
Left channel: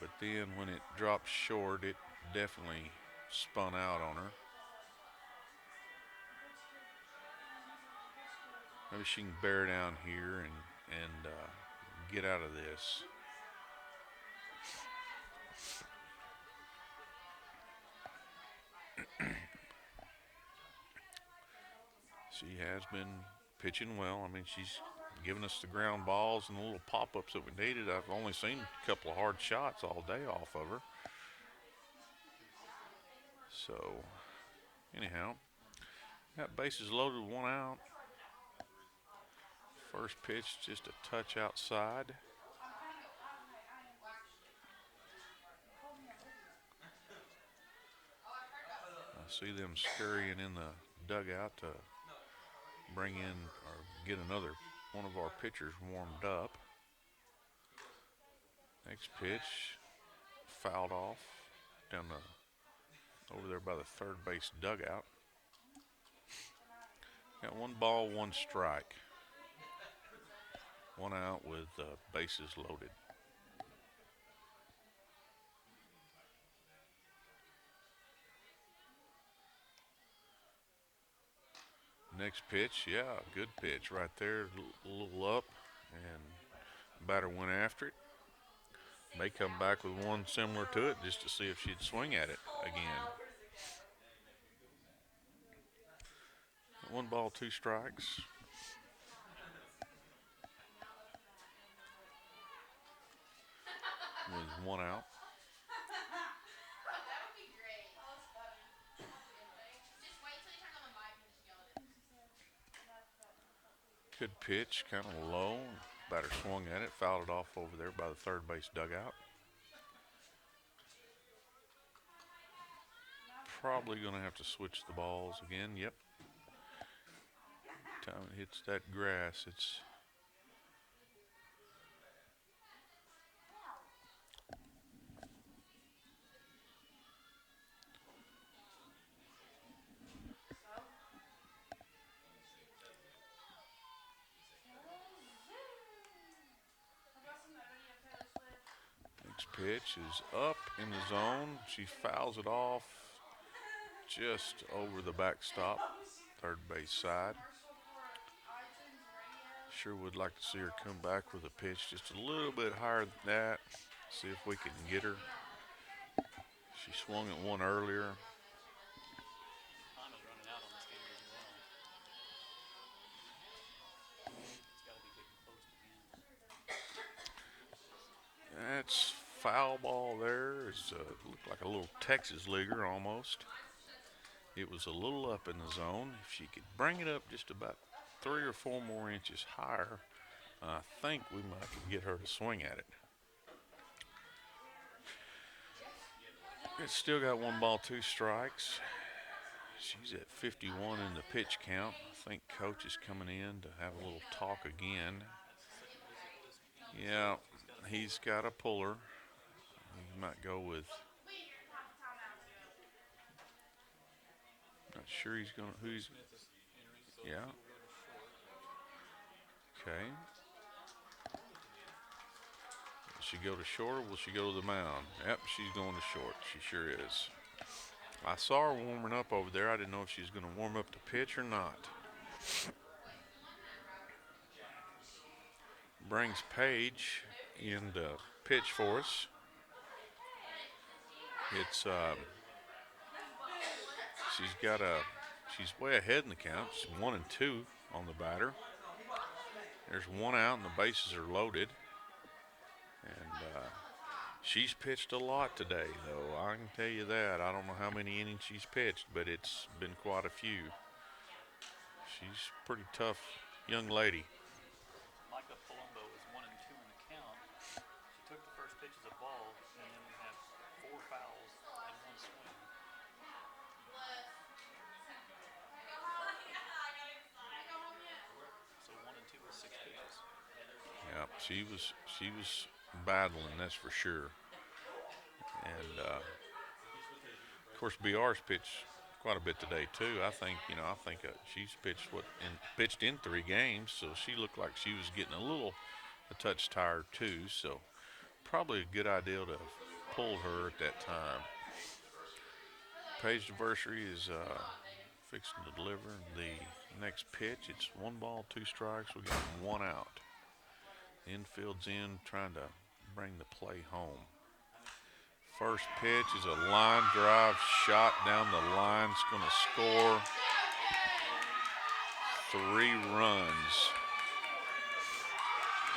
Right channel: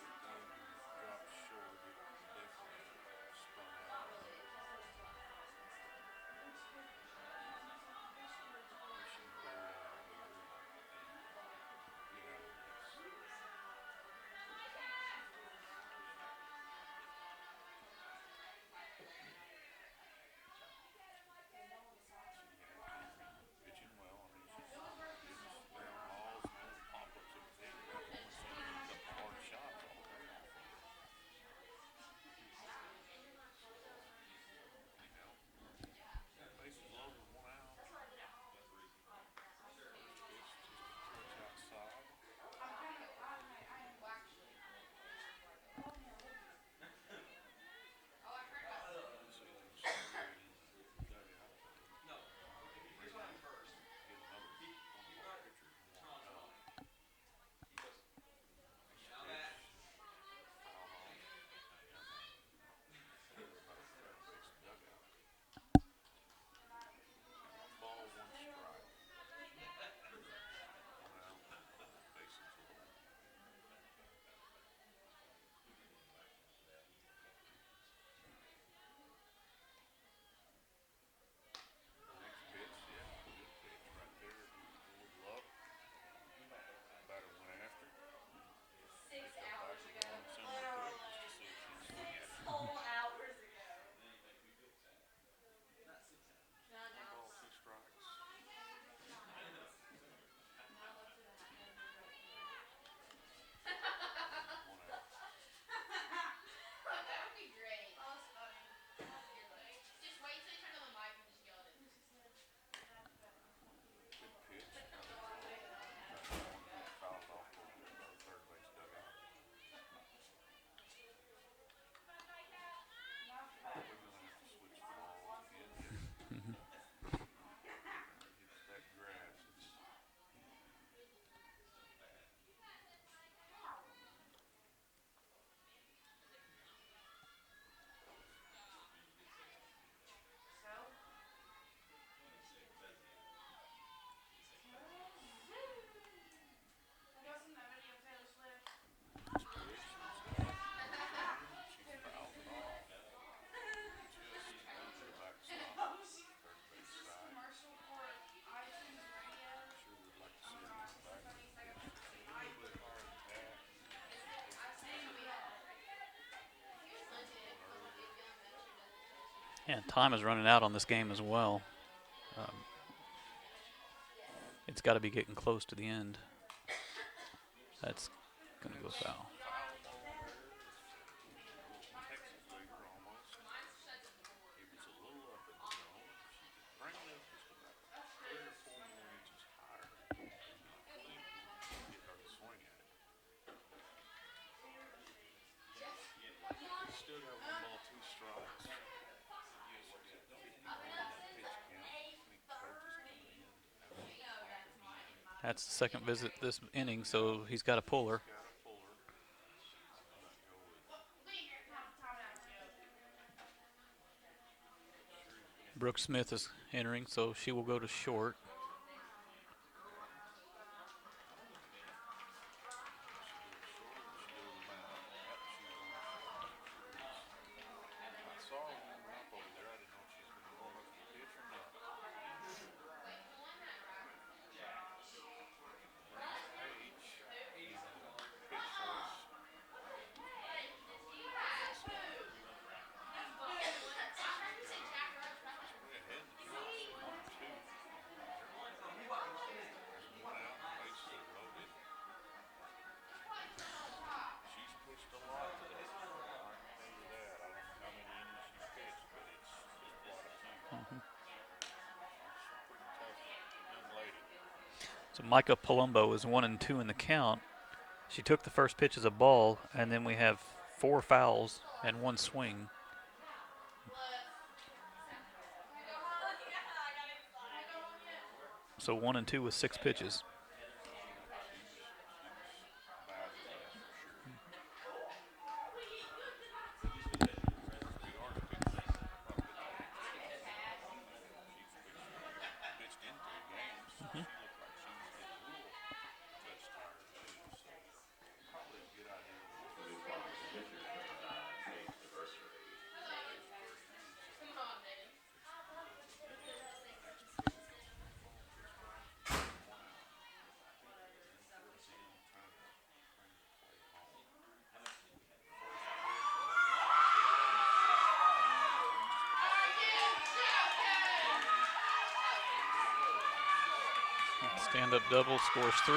But then when it dropped short, it definitely spun out on her. Maybe she can bear down here and get out of this. She has been pitching well. I mean, she's given us the ground balls and the little pop-ups that we needed. I've only seen a couple of hard shots all day off of her. So, anyhow, got bases loaded, 1 out. First pitch just a touch outside. I see them scurrying in the dugout to bring in or get another one of our pitchers warmed up. Next pitch, fouled off down over there by the third base dugout. Got 1 ball, 1 strike. 1 out with bases loaded. Next pitch, yeah, good pitch right there, a little up, and batter went after it. May come back with one similar to it just to see if she'd swing at it again. 1 ball, 2 strikes. With 1 out. Good pitch, kind of low. Batter swung at it, fouled it off over there by the third base dugout. Probably going to have to switch the balls again. Yep. Time it hits that grass, it's pitch is up in the zone. She fouls it off just over the backstop, third base side. Sure would like to see her come back with a pitch just a little bit higher than that. See if we can get her. She swung at one earlier. And time is running out on this game as well. Um, it's got to be getting close to the end. That's That's foul ball there. It's looked like a little Texas leaguer almost. It was a little up in the zone. If she could bring it up just about 3 or 4 more inches higher, I think we might get her to swing at it. It's still got 1 ball, 2 strikes. She's at 51 in the pitch count. I think coach is coming in to have a little talk again. That's the second visit this inning, Yeah, so he's got a puller. He's got a puller. He might go with. Not sure he's going to. Brooke Smith is entering, so Yeah. she will go to short. Okay. Will she go to short or will she go to the mound? Yep, she's going to short. She sure is. I saw her warming up over there. I didn't know if she was going to warm up to pitch or not. Brings Paige in to pitch for us. It's she's way ahead in the count. She's 1-2 on the batter. There's one out and the bases are loaded. And she's pitched a lot today, though. I can tell you that. I don't know how many innings she's pitched, but it's been quite a few. She's a pretty tough young lady. So Micah Palumbo is 1-2 in the count. She took the first pitch as a ball, and then we have 4 fouls and 1 swing. So 1-2 with 6 pitches. Yeah, she was battling, that's for sure. And of course, BR's pitched quite a bit today too. I think she's pitched in 3 games, so she looked like she was getting a touch tired too. So probably a good idea to pull her at that time. Paige Varsity is fixing to deliver the next pitch. It's 1 ball, 2 strikes. We got 1 out. Infield's in, trying to bring the play home. First pitch is a line drive shot down the line. It's going to score 3 runs. Stand-up double, scores 3.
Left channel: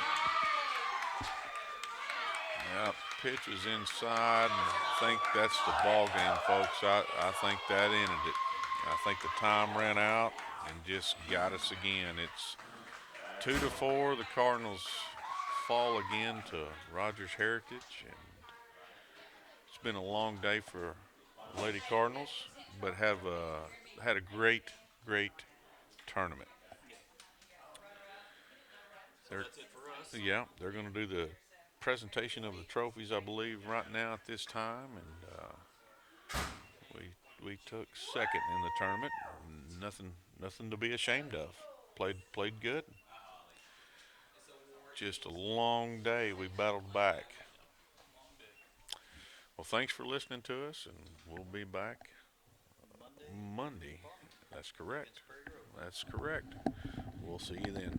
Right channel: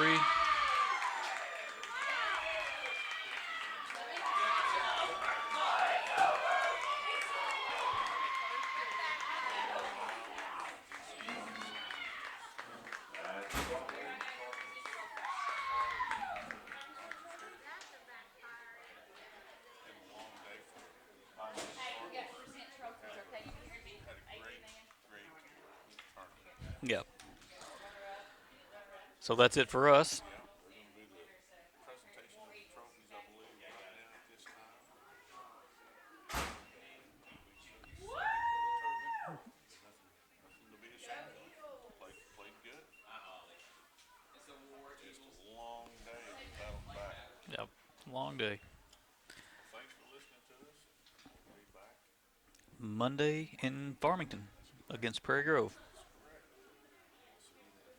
Yep, pitch was inside. And I think that's the ball game, folks. I think that ended it. I think the time ran out and just got us again. It's 2-4. The Cardinals fall again to Rogers Heritage. And it's been a long day for Lady Cardinals, but have had a great tournament. Yep. So that's it for us. Yeah, they're going to do the presentation of the trophies, I believe, right now at this time, and we took second in the tournament. Nothing to be ashamed of. Played good. Just a long day. We battled back. Yep, long day. Well, thanks for listening to us, and we'll be back Monday in Farmington. That's correct. Against Prairie Grove. That's correct. We'll see you then.